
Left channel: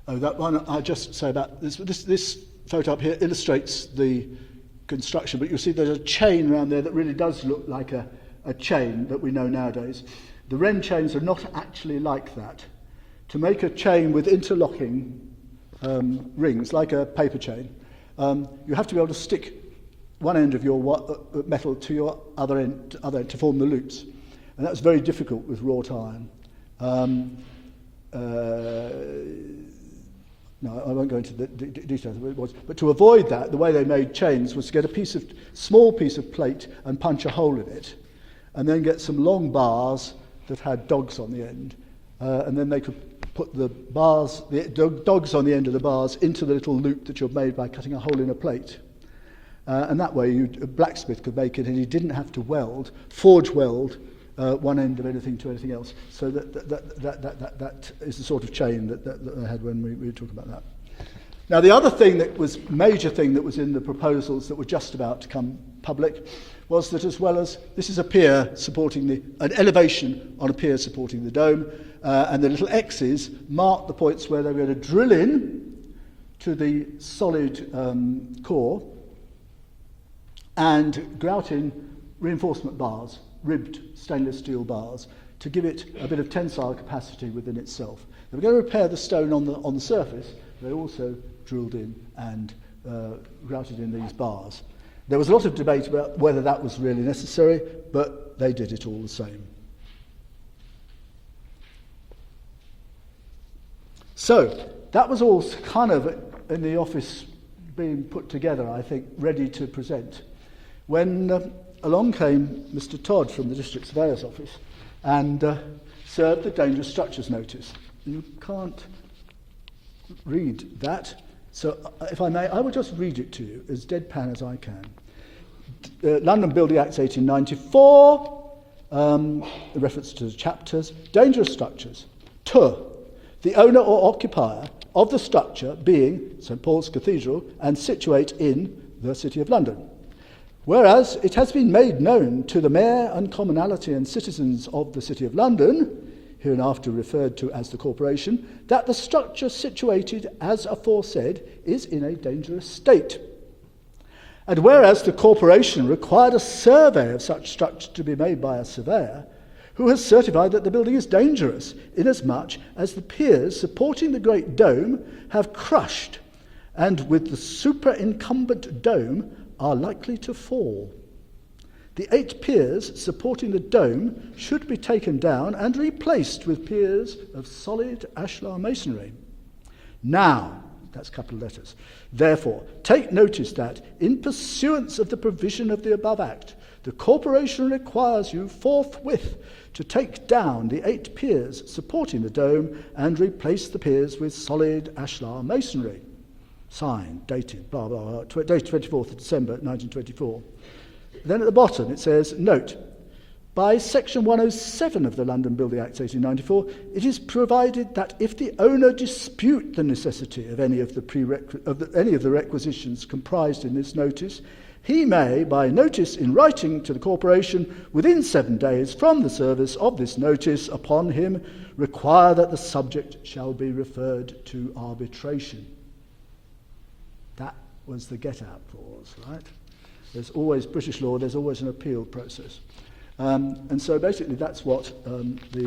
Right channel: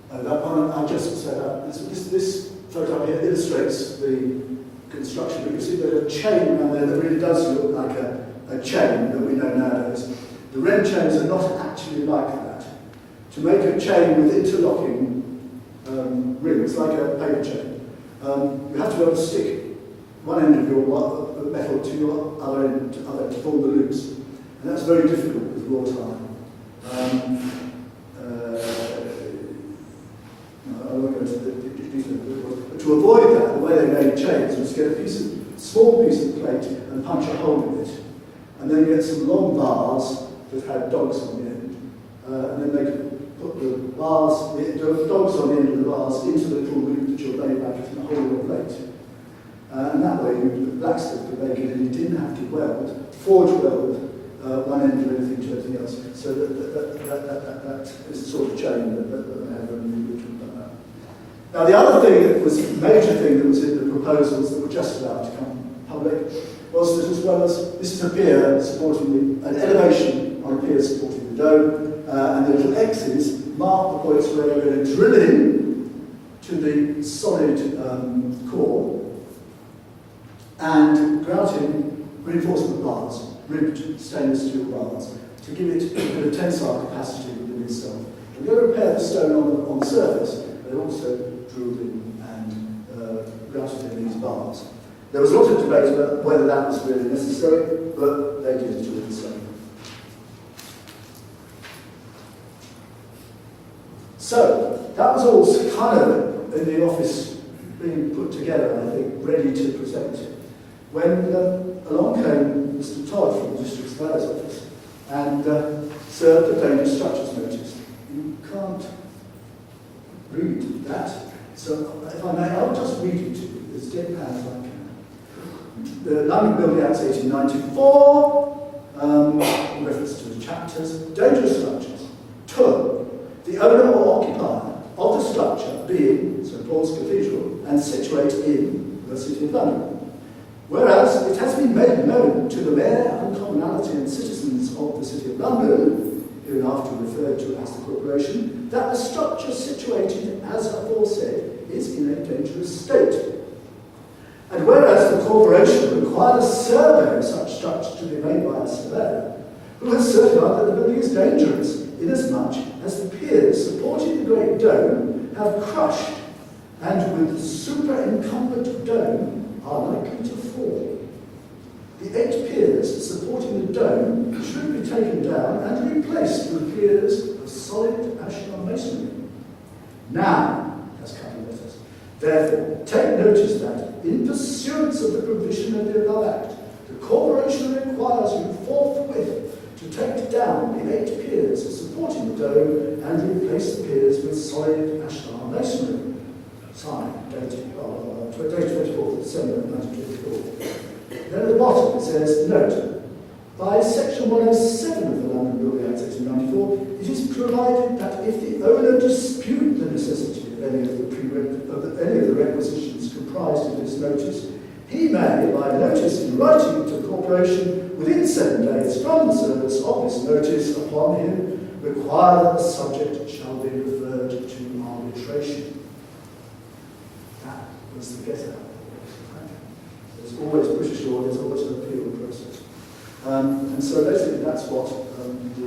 That one, I just say that this photo up here illustrates the construction, but you see there's a chain around there that really does look like a chain that we know nowadays. The Wren chains are not actually like that. To make a chain with interlocking rings, like a paper chain, you have to be able to stick one end of your metal to your other end to form the loops. And that's very difficult with raw time. No, I won't go into the detail of it was. But to avoid that, the way they made chains was to get a small piece of plate and punch a hole in it, and then get some long bars that had dogs on the end, and then they could put the dogs on the end of the bars into the little loop that you've made by cutting a hole in a plate. And that way, the blacksmith could make it, and he didn't have to forge weld one end of anything to anything else. So that is the sort of chain that they had when we were talking about that. Now, the other major thing that was in the proposals that were just about to come public was that, as well as this is a pier supporting an elevation on a pier supporting the dome, and the little X's mark the points where they're going to drill in to the solid core and grout in reinforcement bars, ribbed stainless steel bars, to give it a bit of tensile capacity within itself. They're going to repair the stone on the surface. They also drilled in and grouted in these bars. There was a lot of debate about whether that was really necessary, but they did it all the same. So, that was all kind of in the office being put together, I think, ready to present, when along came Mr. Todd from the District Surveyor's Office and served the dangerous structures notice. You can't read that, so if I may, I will just read it to you as deadpan as I can. The London Building Acts 1894, reference to the chapters, dangerous structures. 2. The owner or occupier of the structure being St Paul's Cathedral and situate in the City of London. Whereas it has been made known to the Mayor and Commonalty and citizens of the City of London, hereinafter referred to as the Corporation, that the structure situated as aforesaid is in a dangerous state. And whereas the Corporation required a survey of such structure to be made by a surveyor, who has certified that the building is dangerous, inasmuch as the piers supporting the great dome have crushed, and with the superincumbent dome are likely to fall. The 8 piers supporting the dome should be taken down and replaced with piers of solid ashlar masonry. Now, that's a couple of letters. Therefore, take notice that, in pursuance of the provision of the above Act, the Corporation requires you forthwith to take down the 8 piers supporting the dome and replace the piers with solid ashlar masonry. Signed, dated, blah, blah, blah, dated 24th December 1924. Then at the bottom it says, note, by Section 107 of the London Building Acts 1894, it is provided that if the owner dispute the necessity of any of the requisitions comprised in this notice, he may, by notice in writing to the Corporation within 7 days from the service of this notice upon him, require that the subject shall be referred to arbitration. That was the get-out clause, right? There's always, British law, there's always an appeal process. And so basically that's what the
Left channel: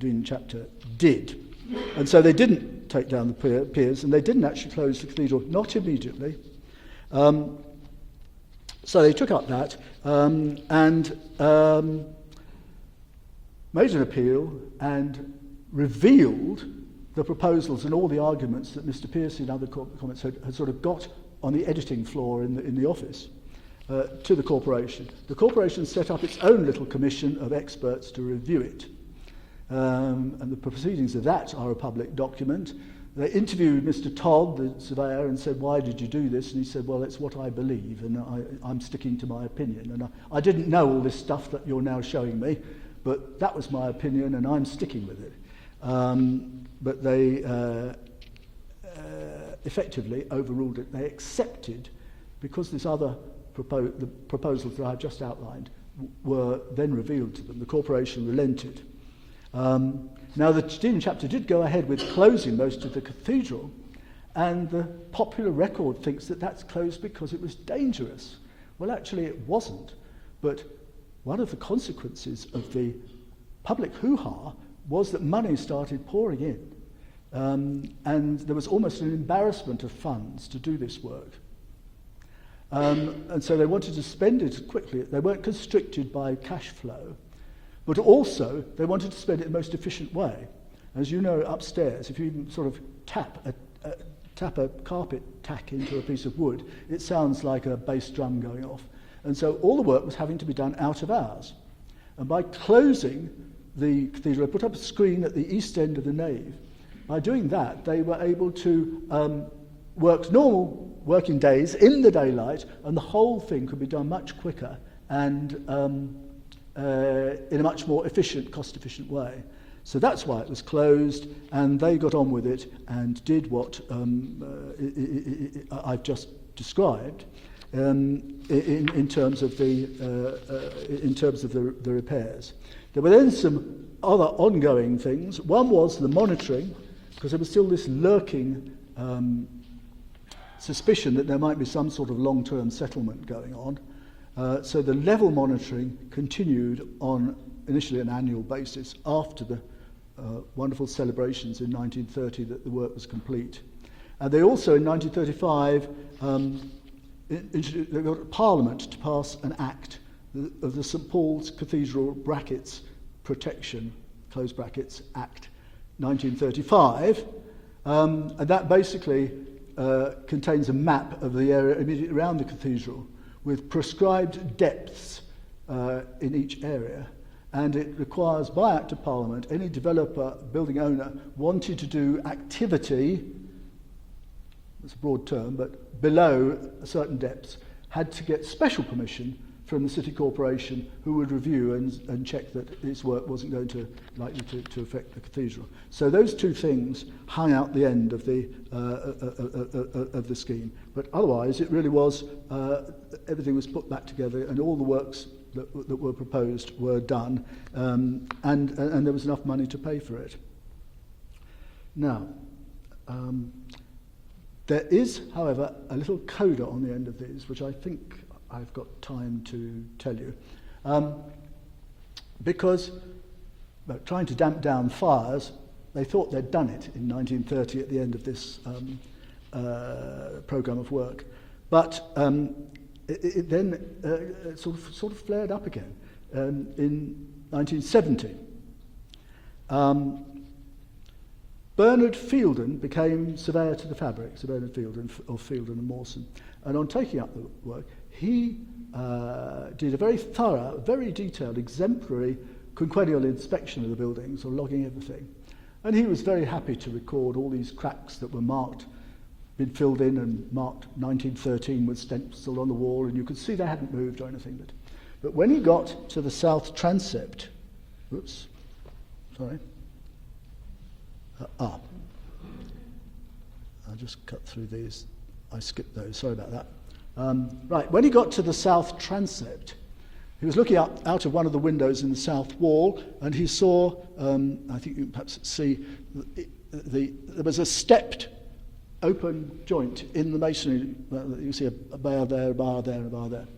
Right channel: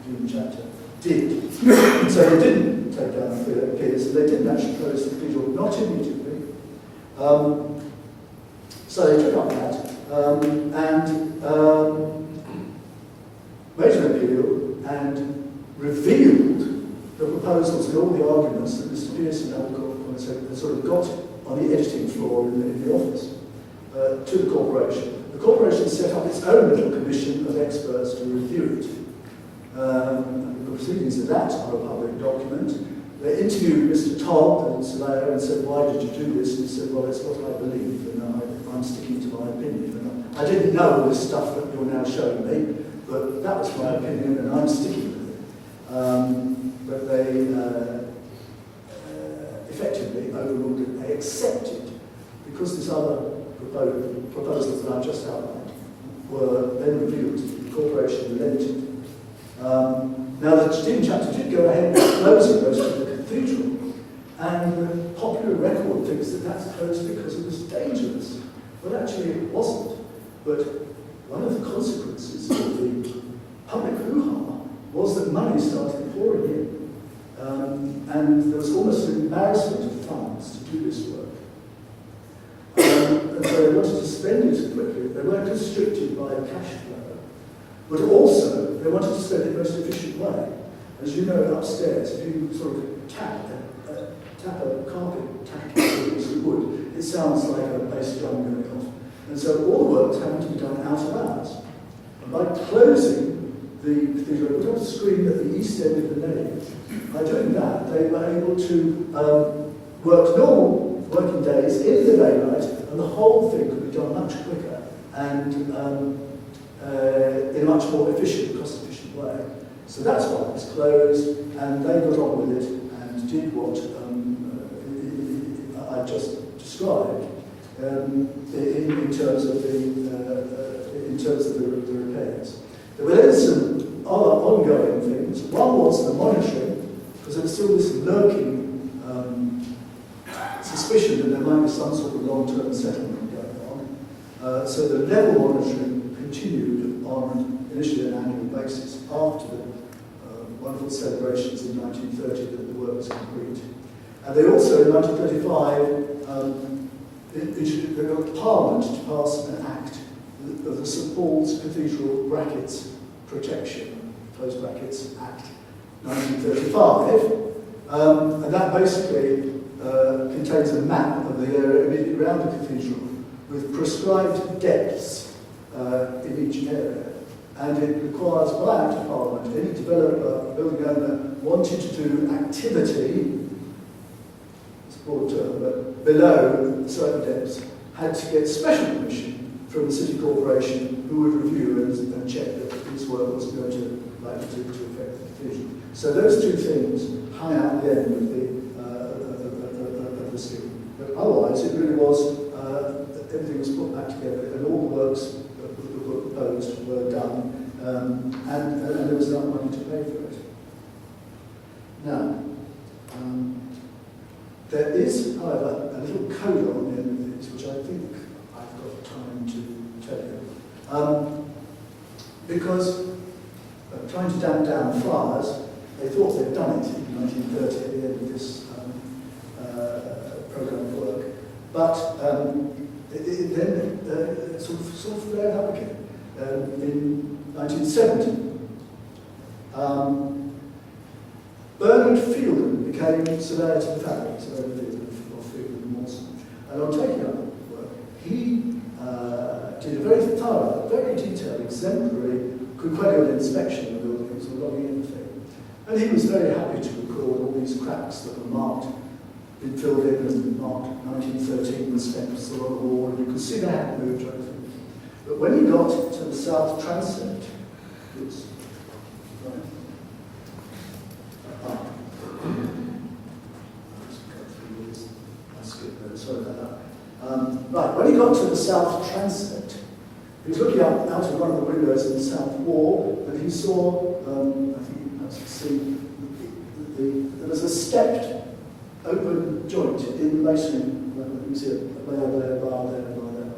Dean chapter did. And so they didn't take down the piers, and they didn't actually close the cathedral, not immediately. So they took up that and made an appeal and revealed the proposals and all the arguments that Mr. Pearson had sort of got on the editing floor in the office to the Corporation. The Corporation set up its own little commission of experts to review it. And the proceedings of that are a public document. They interviewed Mr. Todd, the surveyor, and said, why did you do this? And he said, well, it's what I believe, and I'm sticking to my opinion. And I didn't know all this stuff that you're now showing me, but that was my opinion, and I'm sticking with it. But they effectively overruled it. They accepted, because these other proposals that I've just outlined were then revealed, the Corporation relented. Now, the Dean chapter did go ahead with closing most of the cathedral, and the popular record thinks that that's closed because it was dangerous. Well, actually, it wasn't. But one of the consequences of the public hoo-ha was that money started pouring in, and there was almost an embarrassment of funds to do this work. And so they wanted to spend it quickly. They weren't constricted by cash flow. But also, they wanted to spend it in the most efficient way. As you know, upstairs, if you sort of tap tap a carpet tacky with a piece of wood, it sounds like a bass drum going off. And so all the work was having to be done out of hours. And by closing the cathedral, they put up a screen at the east end of the nave. By doing that, they were able to work normal working days in the daylight, and the whole thing could be done much quicker and in a much more efficient, cost-efficient way. So that's why it was closed, and they got on with it and did what I've just described in terms of the repairs. There were then some other ongoing things. One was the monitoring, because there was still this lurking suspicion that there might be some sort of long-term settlement going on. So the level monitoring continued on initially an annual basis after the wonderful celebrations in 1930 that the work was complete. And they also, in 1935, they got Parliament to pass an act of the St Paul's Cathedral Brackets Protection, close brackets, Act 1935, and that basically contains a map of the area immediately around the cathedral with prescribed depths in each area, and it requires by Act of Parliament any developer, building owner, wanting to do activity, it's a broad term, but below certain depths, had to get special permission from the city corporation, who would review and check that this work wasn't going to likely to affect the cathedral. So those two things hung out the end of the scheme. But otherwise, it really was everything was put back together, and all the works that were proposed were done, and there was enough money to pay for it. Now, there is, however, a little coda on the end of these, which I think I've got time to tell you. Because trying to damp down fires, they thought they'd done it in 1930 at the end of this programme of work. But it then sort of flared up again in 1970. Bernard Fielden became surveyor to the fabric, surveyor of Fielden and Mawson. And on taking up the work, he did a very thorough, very detailed, exemplary quinquennial inspection of the buildings, or logging everything. And he was very happy to record all these cracks that were marked, been filled in and marked 1913 with steps along the wall, and you could see they hadn't moved or anything. But when he got to the south transept, oops, sorry. I'll just cut through these. I skipped those, sorry about that. Right, when he got to the south transept, he was looking out of one of the windows in the south wall, and he saw, I think you perhaps see, there was a stepped open joint in the masonry. You can see a bar there, a bar there, a bar there.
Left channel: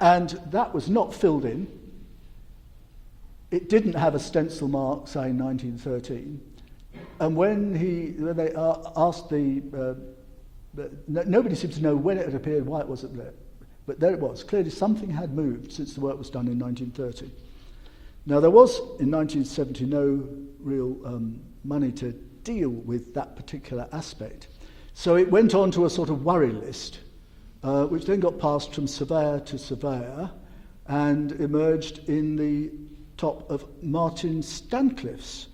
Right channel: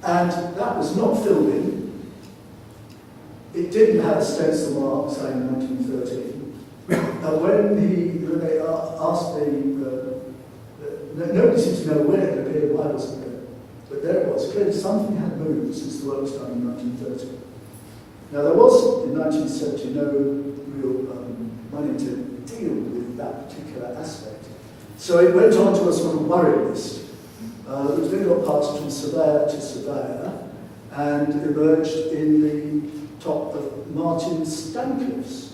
And that was not filled in. It didn't have a stencil mark saying 1913. And when they asked nobody seemed to know when it appeared, why it wasn't there. But there it was. Clearly something had moved since the work was done in 1930. Now there was, in 1970, no real money to deal with that particular aspect. So it went on to a sort of worry list, which then got passed from surveyor to surveyor and emerged in the top of Martin Stancliffe's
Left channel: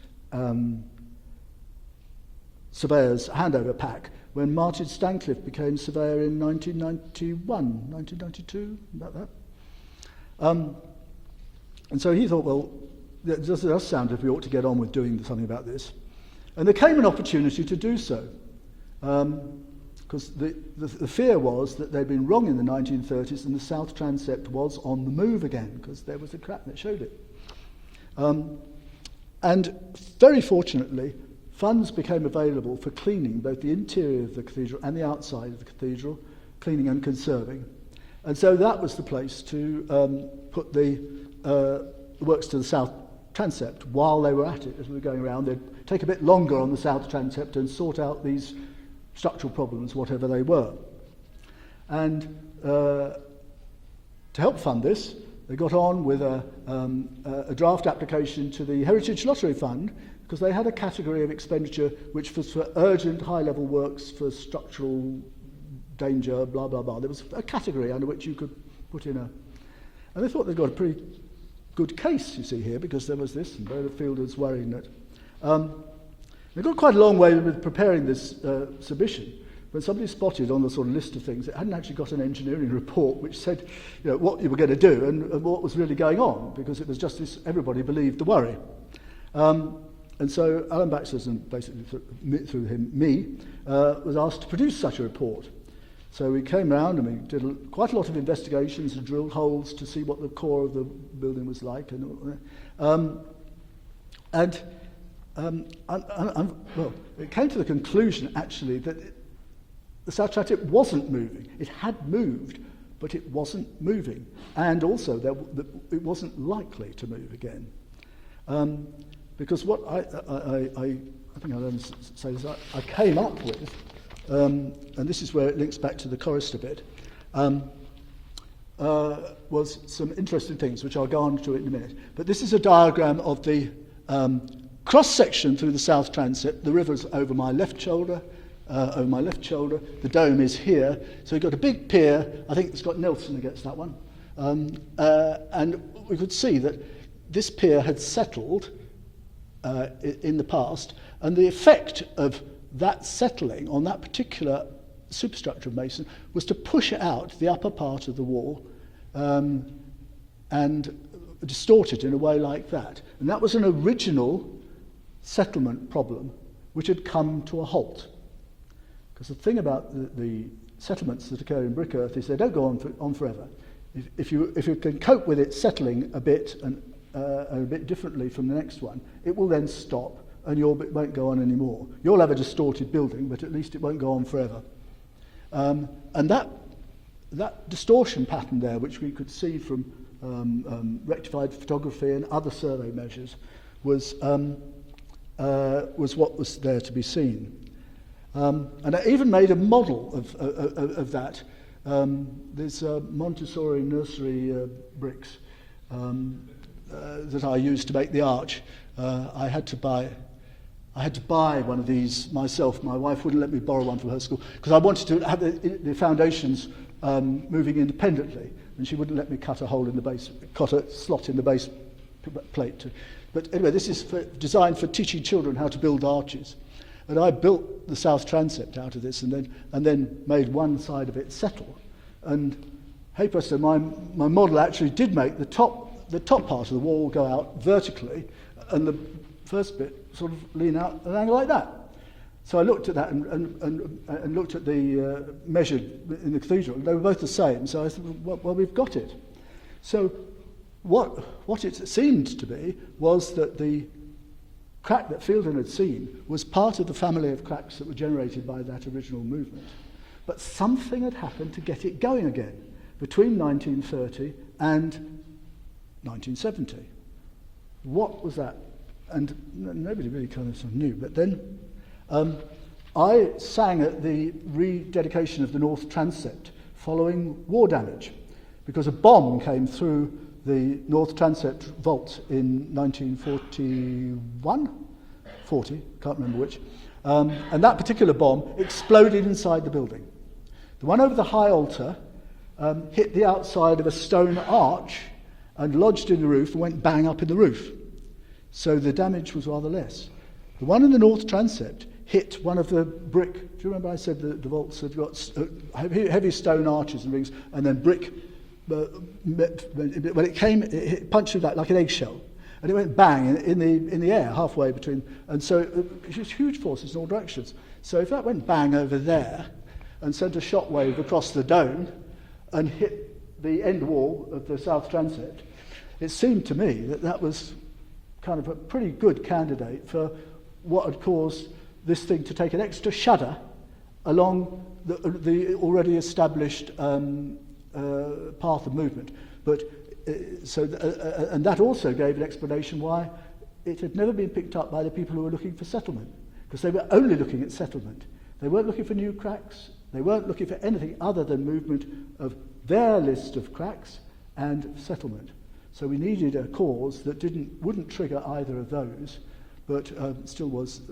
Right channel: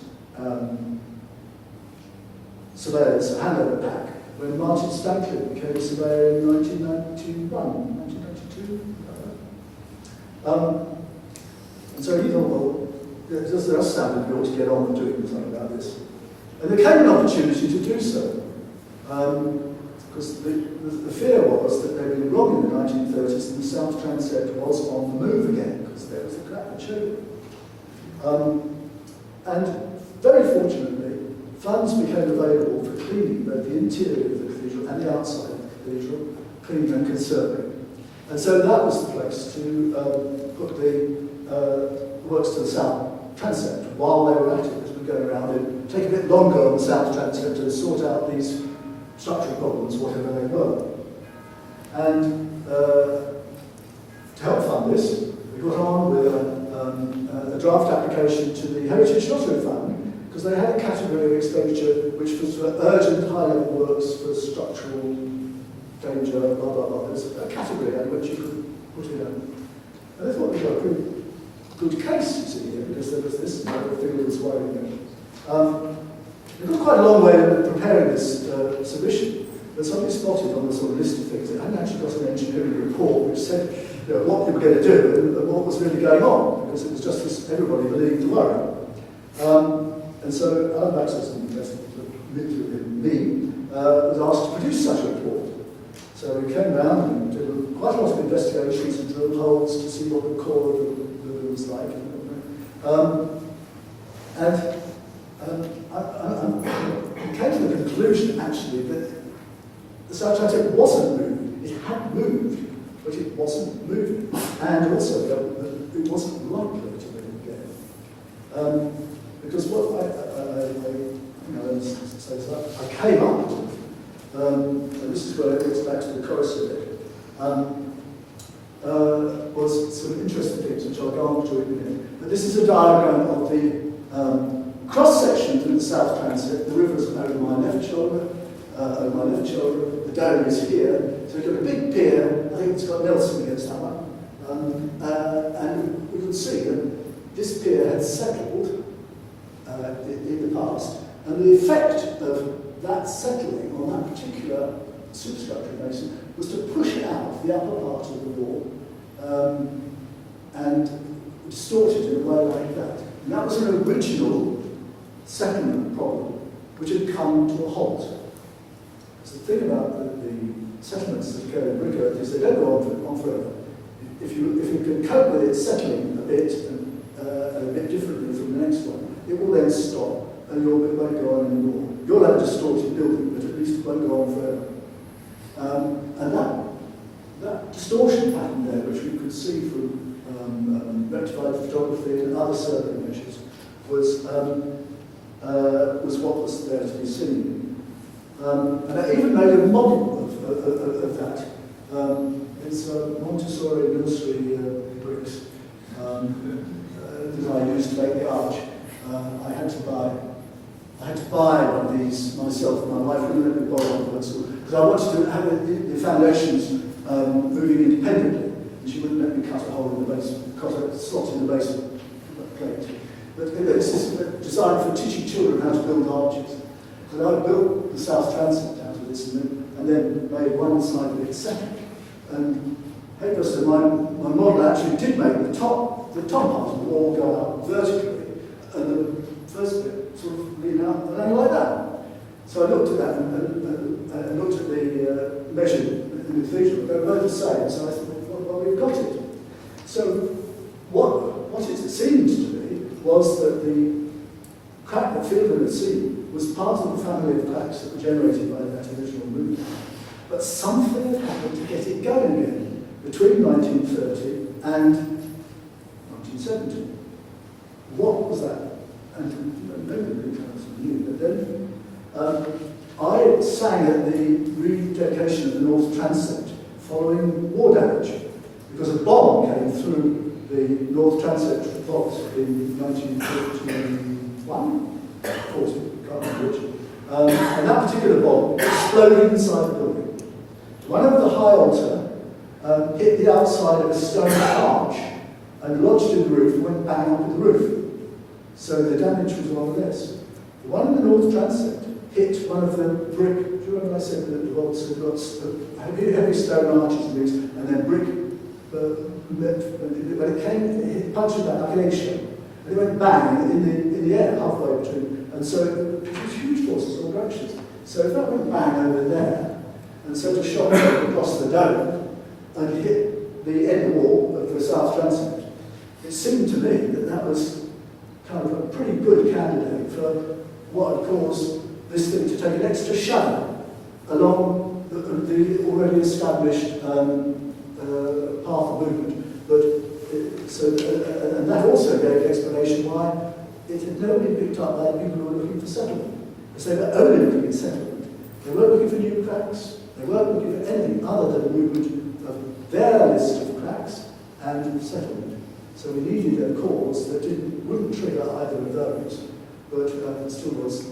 surveyor's handover pack, when Martin Stancliffe became surveyor in 1992, about that. And so he thought, well, this does sound that we ought to get on with doing something about this. And there came an opportunity to do so, because the fear was that they'd been wrong in the 1930s and the south transept was on the move again, because there was a crack that showed it. And very fortunately, funds became available for cleaning both the interior of the cathedral and the outside of the cathedral, cleaning and conserving. And so that was the place to put the works to the south transept while they were at it, as we go around. It'd take a bit longer on the south transept to sort out these structural problems, whatever they were. And to help fund this, we got on with a draft application to the Heritage Lottery Fund because they had a category of expenditure which was for urgent high-level works for structural danger, blah, blah, blah. There was a category in which you could put in a... And they thought they got a pretty good case, you see, here, because there was this, and the field was worrying it. They got quite a long way in preparing this submission, but somebody spotted on the sort of list of things, it hadn't actually got an engineering report which said what you were going to do and what was really going on, because it was just as everybody believed the worry. And so Alan Baxter, through me, was asked to produce such a report. So we came round and did quite a lot of investigations and drilled holes to see what the core of the building was like. I came to the conclusion, actually, that the South Atlantic wasn't moving. It had moved, but it wasn't moving. And also, it wasn't likely to move again. Because what I came up with, and this is where it links back to the chorus a bit, was some interesting things which I'll go on to in a minute. But this is a diagram of the cross-section through the South Transept. The river's over my left shoulder, the dome is here. So we've got a big pier, I think it's got Nelson against that one. And we could see that this pier had settled in the past, and the effect of that settling on that particular superstructure of mason was to push out the upper part of the wall and distort it in a way like that. And that was an original settlement problem which had come to a halt. Because the thing about the settlements that occur in brick earth is they don't go on forever. If you can cope with it settling a bit and a bit differently from the next one, it will then stop and your bit won't go on anymore. You'll have a distorted building, but at least it won't go on forever. And that distortion pattern there, which we could see from rectified photography and other survey measures, was what was there to be seen. And I even made a model of that. It's Montessori nursery bricks that I used to make the arch. I had to buy one of these myself. My wife wouldn't let me borrow one from her school because I wanted to have the foundations moving independently, and she wouldn't let me cut a hole in the base, cut a slot in the base plate. But anyway, this is designed for teaching children how to build arches. And I built the South Transept out of this, and then made one side of it settled. And so my model actually did make the top part of the wall go out vertically, and the first bit sort of lean out and then like that. So I looked at that and looked at the measure in the cathedral. They were both the same. So I thought, well, we've got it. So what it seemed to me was that the crack that Fielder had seen was part of the family of cracks that were generated by that original movement. But something had happened to get it going again between 1930 and 1970. What was that? And nobody really kind of knew. But then I sang at the rededication of the North Transept following war damage, because a bomb came through the North Transept vault in 1941, 40, can't remember which. And that particular bomb exploded inside the building. One over the high altar hit the outside of a stone arch and lodged in the roof and went bang up in the roof. So the damage was rather less. The one in the North Transept hit one of the brick. Do you remember I said that the vaults had got heavy stone arches and things, and then brick. When it came, it punched it back like an eggshell, and it went bang in the air halfway between. And so it was huge forces all directions. So if that went bang over there and sent a shock across the dome and hit the end wall of the South Transept, it seemed to me that that was kind of a pretty good candidate for what had caused this thing to take an extra shudder along the already established path of movement. But and that also gave an explanation why it had never been picked up by people who were looking for settlement, because they were only looking at settlement. They weren't looking for new cracks. They weren't looking for anything other than movement of their list of cracks and settlement. So we needed a cause that wouldn't trigger either of those. but it still was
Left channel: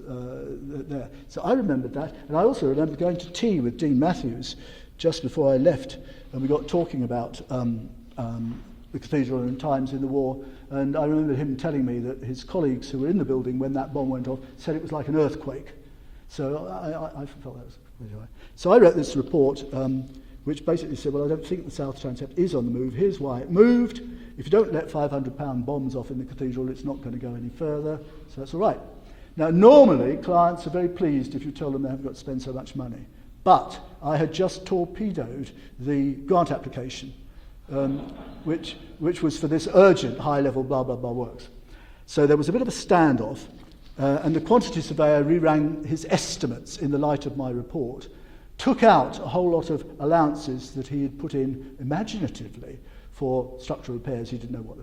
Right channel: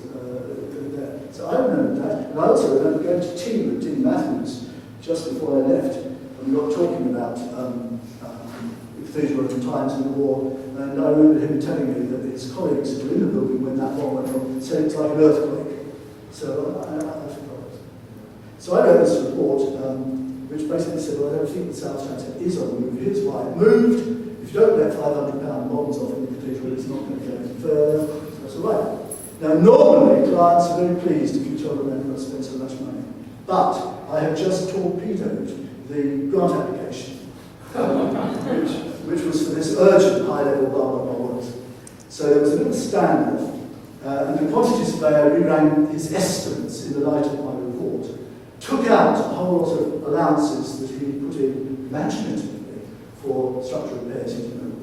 there. So I remember that, and I also remember going to tea with Dean Matthews just before I left, and we got talking about the cathedral at the times in the war, and I remember him telling me that his colleagues who were in the building when that bomb went on said it was like an earthquake. So I forgot. So I wrote this report, which basically said, well, I don't think the South Transept is on the move. Here's why it moved. If you don't let £500 bonds off in the cathedral, it's not going to go any further. So that's all right. Now, normally, clients are very pleased if you tell them they've got to spend so much money. But I had just torpedoed the grant application, which was for this urgent high-level blah, blah, blah works. So there was a bit of a standoff, and the quantity surveyor reran his estimates in the light of my report, took out a whole lot of allowances that he put in imaginatively for structural repairs he didn't know what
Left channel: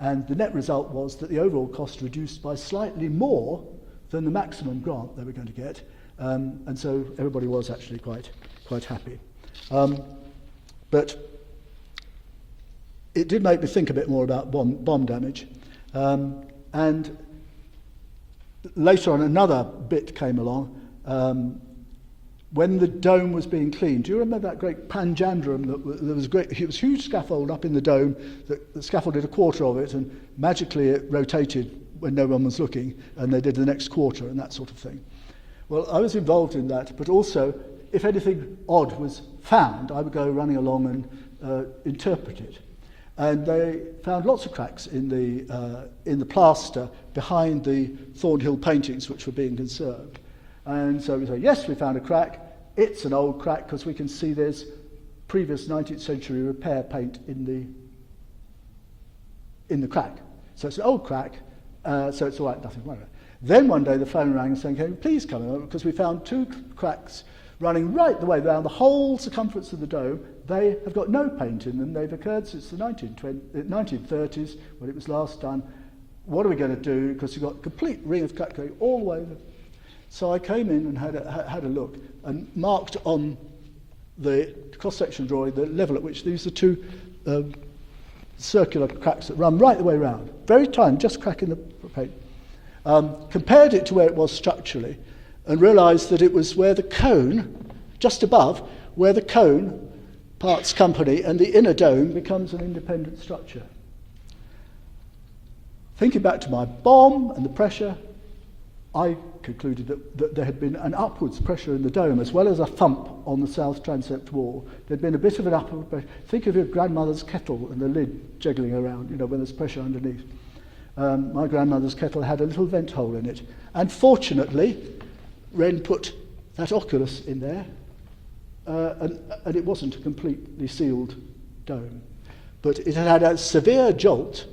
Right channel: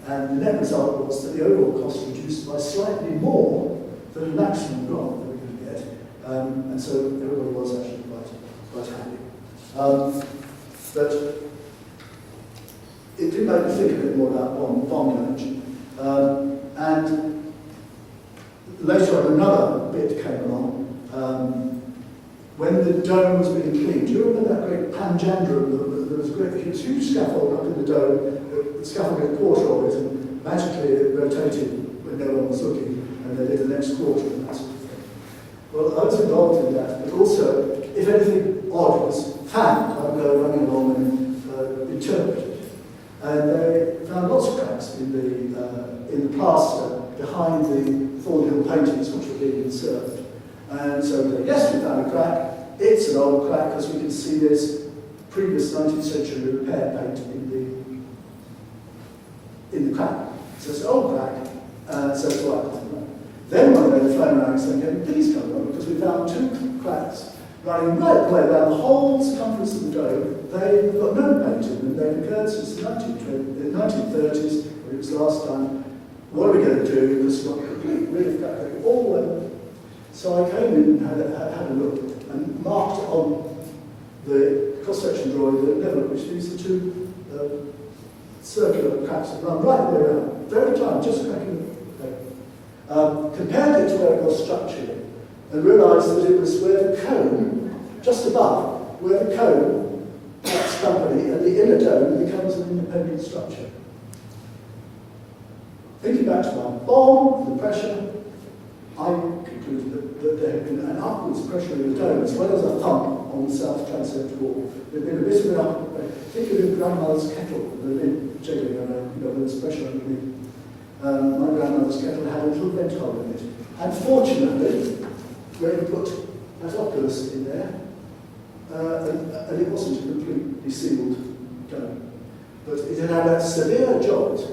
they were. And the net result was that the overall cost reduced by slightly more than the maximum grant they were going to get. And so everybody was actually quite happy. But it did make me think a bit more about bomb damage. And later on, another bit came along. When the dome was being cleaned, do you remember that great panjandrum? There was a huge scaffold up in the dome that scaffolded a quarter of it, and magically it rotated when no one was looking, and they did the next quarter and that sort of thing. Well, I was involved in that, but also, if anything odd was found, I would go running along and interpret it. And they found lots of cracks in the plaster behind the Thornhill paintings which were being conserved. And so we said, yes, we found a crack. It's an old crack because we can see there's previous 19th century repair paint in the crack. So it's an old crack, so it's all right, nothing wrong. Then one day the phone rang saying, "Can you please come along?" Because we found two cracks running right the way down the whole circumference of the dome. They've got no paint in them. They've occurred since the 1930s, when it was last done. What are we going to do? Because we've got a complete ring of crack going all the way. So I came in and had a look and marked on the cross-section drawing the level at which these are two circular cracks that run right the way around. Very tiny, just cracking the paper. Compared it to where it was structurally and realised that it was where the cone, just above, where the cone parts company and the inner dome becomes an independent structure. Thinking back to my bomb and the pressure, I concluded that there had been an upwards pressure in the dome as well as a thump on the south transept wall. There had been a bit of an upward pressure. Think of your grandmother's kettle and the lid jiggling around, where there's pressure underneath. My grandmother's kettle had a little vent hole in it. And fortunately, Ren put that oculus in there, and it wasn't a completely sealed dome. But it had a severe jolt,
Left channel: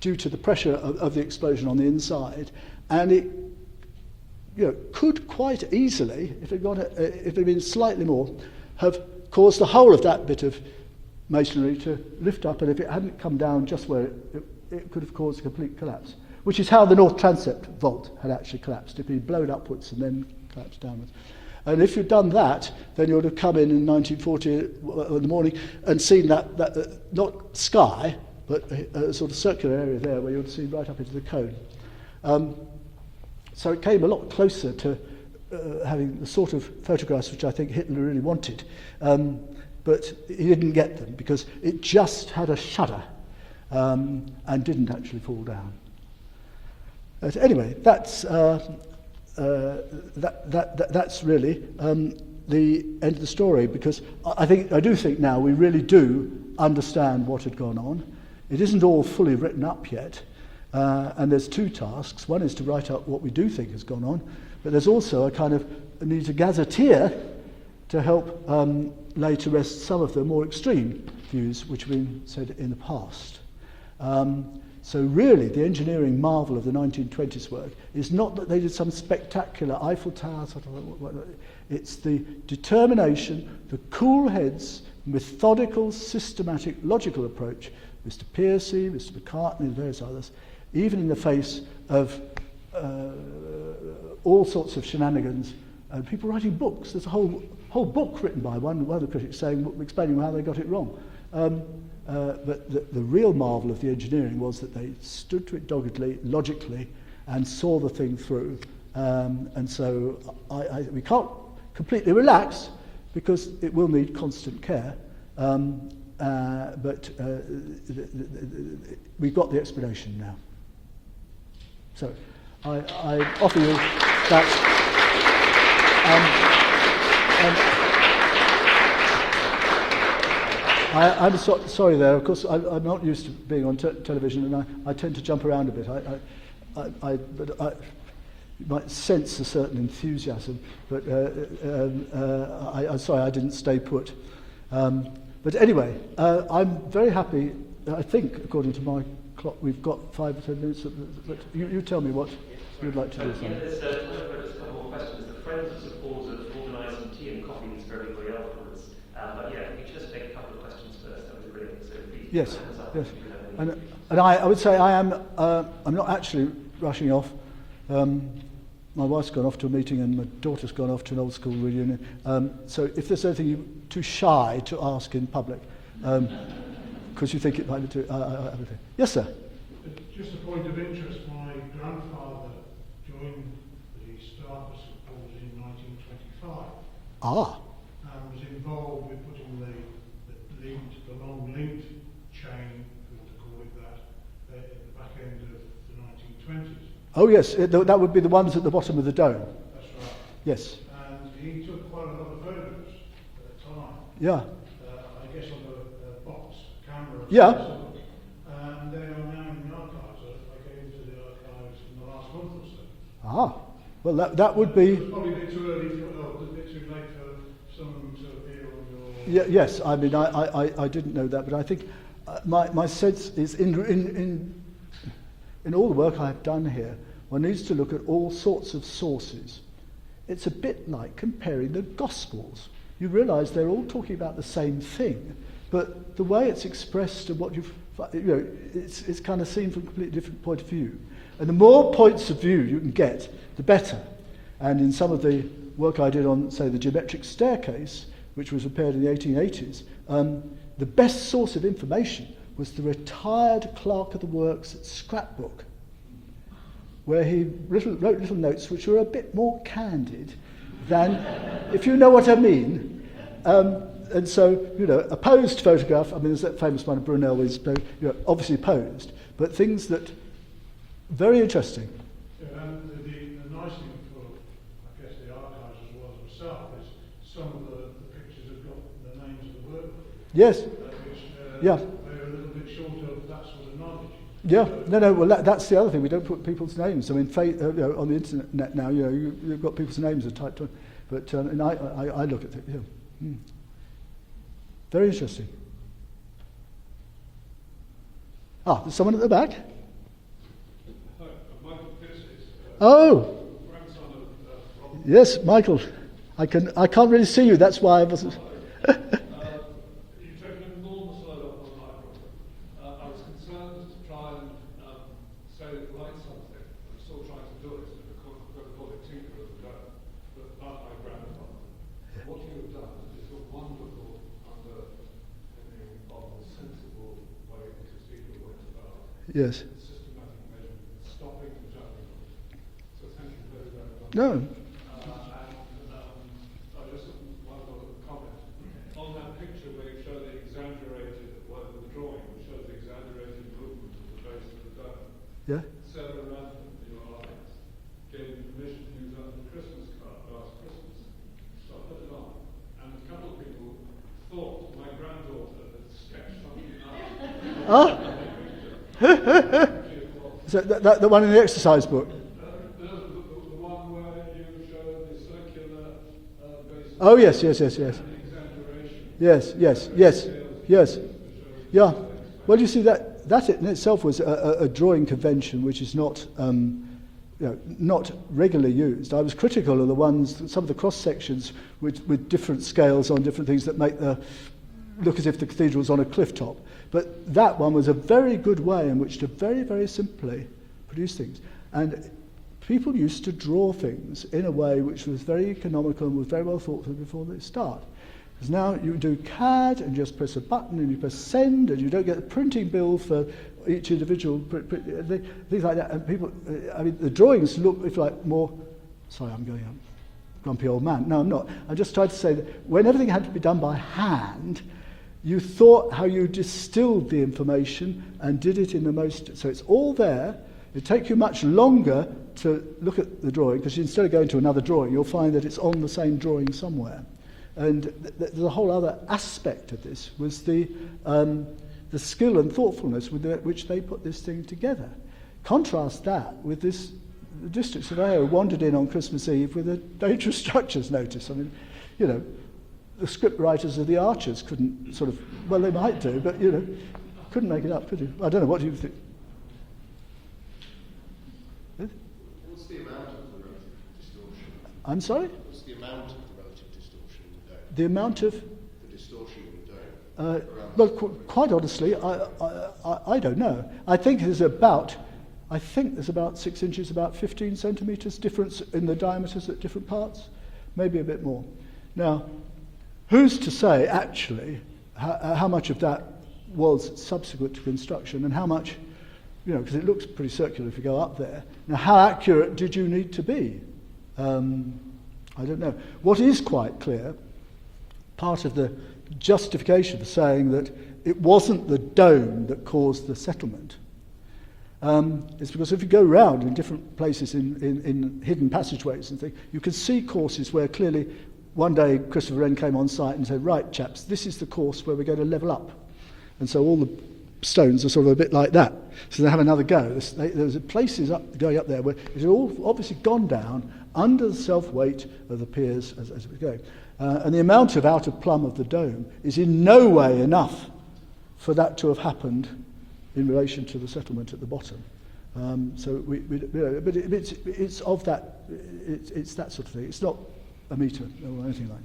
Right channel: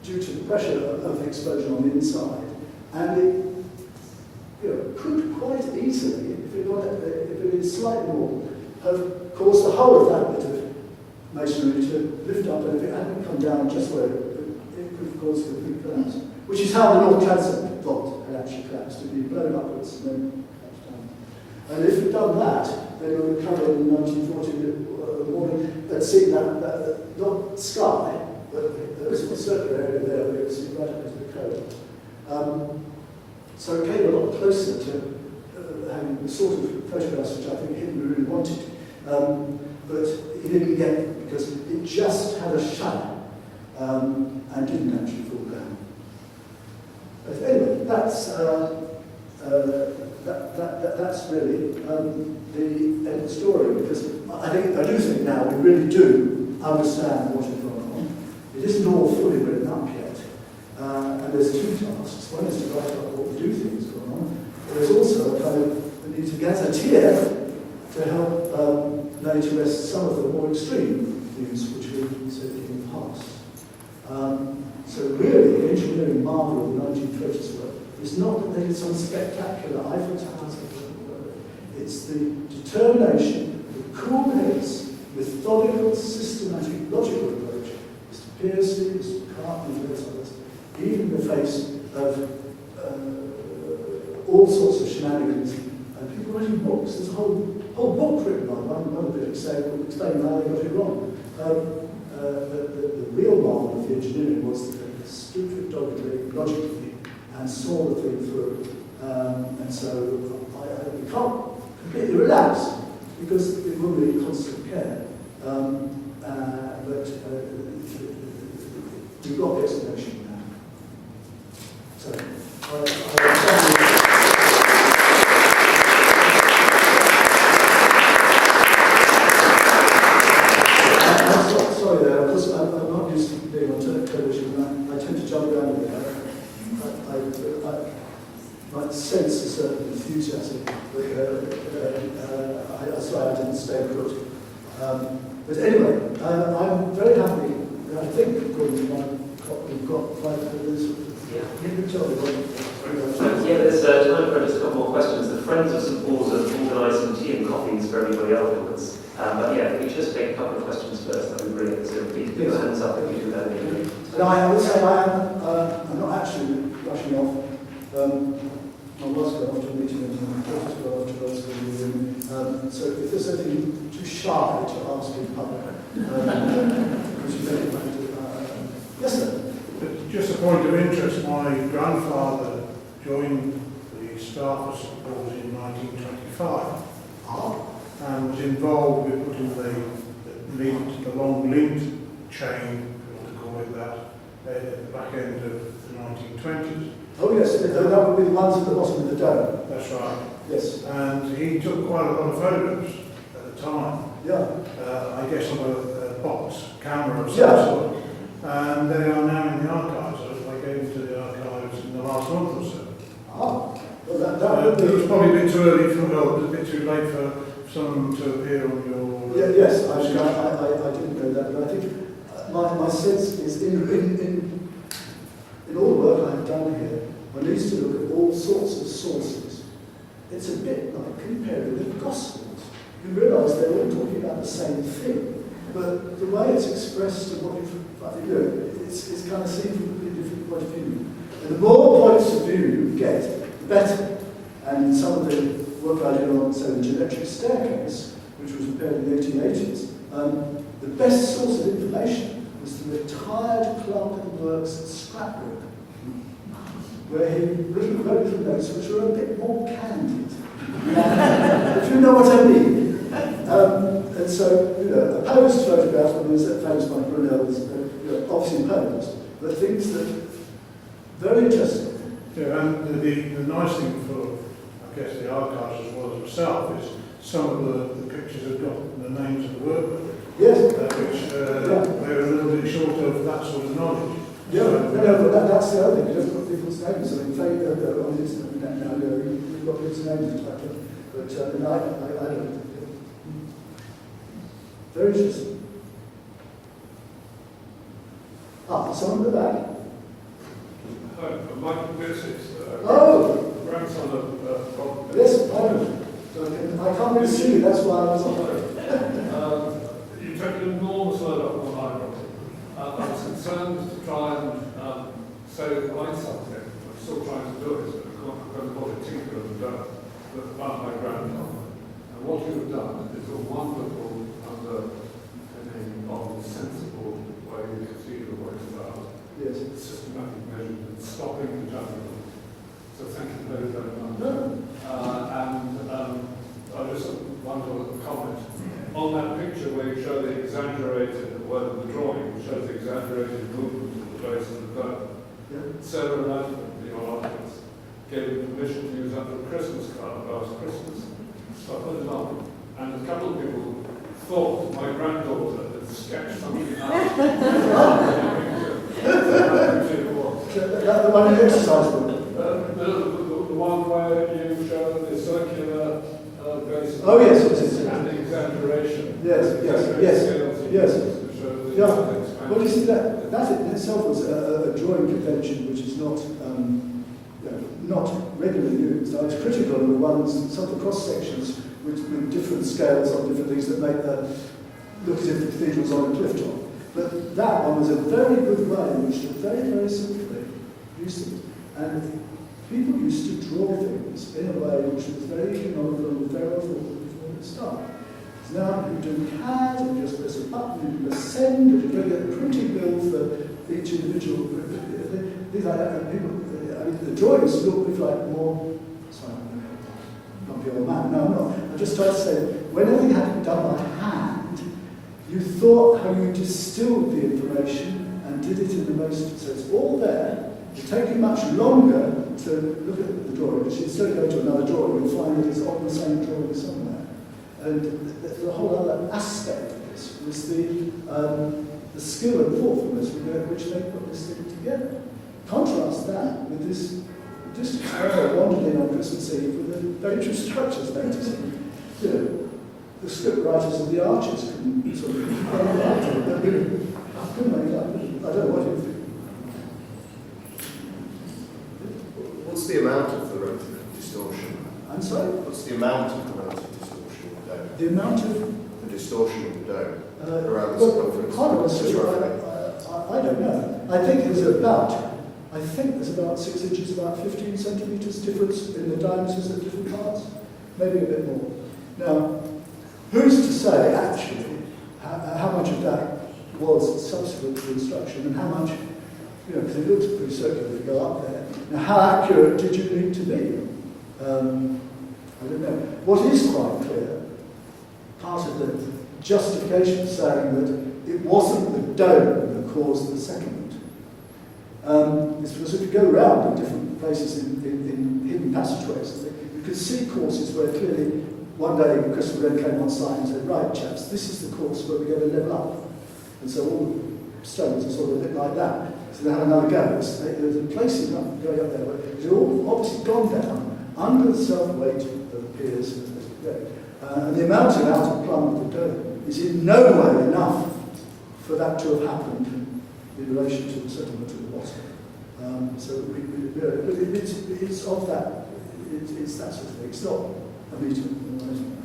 due to the pressure of the explosion on the inside, and it could quite easily, if it had been slightly more, have caused the whole of that bit of masonry to lift up, and if it hadn't come down just where it could have caused complete collapse, which is how the North Transept vault had actually collapsed. It had been blown upwards and then collapsed down. And if you'd done that, then you would have come in 1940 in the morning and seen that not sky, but a sort of circular area there where you would see right up into the cone. So it came a lot closer to having the sort of photographs which I think Hitler really wanted. But he didn't get them because it just had a shudder and didn't actually fall down. But anyway, that's really the end of the story, because I do think now we really do understand what had gone on. It isn't all fully written up yet, and there's two tasks. One is to write up what we do think has gone on, but there's also a kind of need a gazetteer to help lay to rest some of the more extreme views which we said in the past. So really, the engineering marvel of the 1920s work is not that they did some spectacular Eiffel Towers, it's the determination, the cool heads, methodical, systematic, logical approach. Mr. Piercy, Mr. McCartney, and various others, even in the face of all sorts of shenanigans, and people writing books. There's a whole book written by one of the critics explaining how they got it wrong. but the real marvel of the engineering was that they stood to it doggedly, logically, and saw the thing through. And so we can't completely relax, because it will need constant care. But we've got the explanation now. So I offer you that. I'm sorry there, because I'm not used to being on television, and I tend to jump around a bit. I might sense a certain enthusiasm, but I'm sorry I didn't stay put. But anyway, I'm very happy. I think, according to my clock, we've got 5 minutes. You can tell me what you'd like to say. Yeah, there's time for just a couple more questions. The Friends of St Paul's have organised some tea and coffees for everybody afterwards. But yeah, if we just take a couple of questions first, that would be brilliant. So please put your hands up if you do that. And I would say I'm not actually rushing off. My wife's gone off to a meeting and my daughter's gone off to an old school reunion. So if there's anything you're too shy to ask in public, because you think it might be too... yes, sir? Just a point of interest, my grandfather joined the staff of St Paul's in 1925 and was involved with putting the long lint chain, to call it that, at the back end of the 1920s. Oh yes, that would be the ones at the bottom of the dome. That's right. Yes. And he took quite a lot of photos at the time. Yeah. I guess on a box camera of some Yeah. sort. And they are now in the archives. I gave them to the archives in the last month or so. Well that would be... It was probably a bit too early, a bit too late for someone to appear on your... Yeah, yes, I mean, I didn't know that, but I think my sense is in all the work I've done here, one needs to look at all sorts of sources. It's a bit like comparing the Gospels. You realise they're all talking about the same thing, but the way it's expressed and what it's kind of seen from a completely different point of view. And the more points of view you can get, the better. And in some of the work I did on, say, the geometric staircase, which was repaired in the 1880s, the best source of information was the retired clerk of the works scrapbook, where he wrote little notes which were a bit more candid, if you know what I mean. And so, a posed photograph, I mean, there's that famous one, Brunel is obviously posed, but things that, very interesting. Yeah, and the nice thing for, I guess, the archives as well as myself is some of the pictures have got the names of the workmen. Yes. Which they were a little bit short of that sort of knowledge. Yeah, well, that's the other thing. You don't put people's names. So in fact, on the internet now, you've got people's names typed in. But and I look at it. Very interesting. There's someone at the back. Hi, Michael Pierce. Oh. Grandson of Yes, Michael. I can't really see you. That's why I was. You took an enormous load up on my property. I was concerned to try and say line something. I'm still trying to do it, so I'm going to call it tinker and dirt, but about my grandfather. And what you have done is a wonderful underpinning of the sensible way the cathedral works about. Yes. Systematic measurement, stopping the judgment. So thank you very, very much. No. I just want to comment on that picture where you show the exaggerated, the drawing shows the exaggerated movement of the base of the dome. Yeah. Sarah Ladford, the artist, gave me permission to use that for a Christmas card last Christmas. So I put it on, and a couple of people thought my granddaughter had sketched something out. So the one in the exercise book. The one where you show the circular base. Oh yes. And the exaggeration. Yes. Yeah. Well, you see that in itself was a drawing convention which is not not regularly used. I was critical of the ones, some of the cross sections with different scales on different things that make look as if the cathedral was on a cliff top. But that one was a very good way in which to very, very simply produce things. And people used to draw things in a way which was very economical and was very well thought of before it started. Because now you can do CAD and just press a button and you press send and you don't get a printing bill for each individual things like that. And people, I mean, the drawings look like more. Sorry, I'm going grumpy old man. No, I'm not. I'm just trying to say that when everything had to be done by hand, you thought how you distilled the information and did it in the most. So it's all there. It takes you much longer to look at the drawing because instead of going to another drawing, you'll find that it's on the same drawing somewhere. And the whole other aspect of this was the skill and thoughtfulness with which they put this thing together. Contrast that with this district surveyor wandered in on Christmas Eve with a data structures notice. And, you know, the script writers and the archers couldn't sort of, well, they might do, but, you know, couldn't make it up, could you? I don't know, what do you think? What's the amount of the relative distortion? I'm sorry? What's the amount of the relative distortion in the dome? The amount of... The distortion in the dome? Around the Well, circumference? quite honestly, I don't know. I think there's about 6 inches, about 15 centimetres difference in the diameters at different parts. Maybe a bit more. Now, who's to say, actually, how much of that was subsequent to construction and how much, you know, because it looks pretty circular if you go up there. Now, how accurate did you need to be? I don't know. What is quite clear, part of the justification saying that it wasn't the dome that caused the settlement, is because if you go around in different places in hidden passageways and things, you can see courses where clearly one day Christopher Wren came on site and said, right chaps, this is the course where we're going to level up. And so all the stones are sort of a bit like that. So they have another go. There's places going up there where it's all obviously gone down under the self-weight of the piers as we go. And the amount of outer plumb of the dome is in no way enough for that to have happened in relation to the settlement at the bottom. So but it's of that, it's that sort of thing. It's not a metre or anything like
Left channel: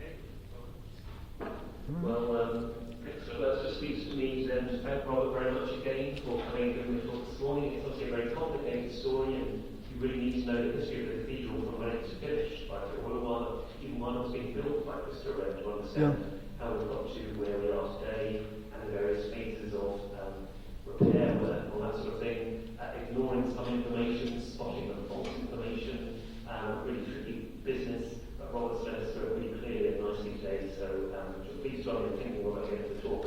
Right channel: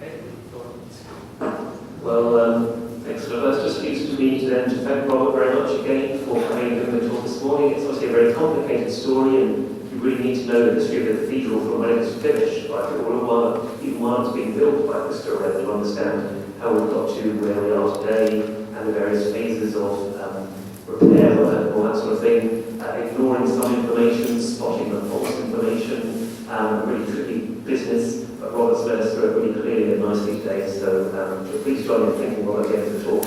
Okay. Well, thanks for that. Just used to me then to thank Robert very much again for coming and giving the talk this morning. It's obviously a very complicated story, and you really need to know the history of the cathedral from when it was finished, like even while it was being built by Christopher Wren, to understand how we got to where we are today and the various phases of repair and all that sort of thing, ignoring some information, spotting the false information, really tricky business, but Robert's led us through it really clearly and nicely today, so please join me in thanking Robert again for the talk.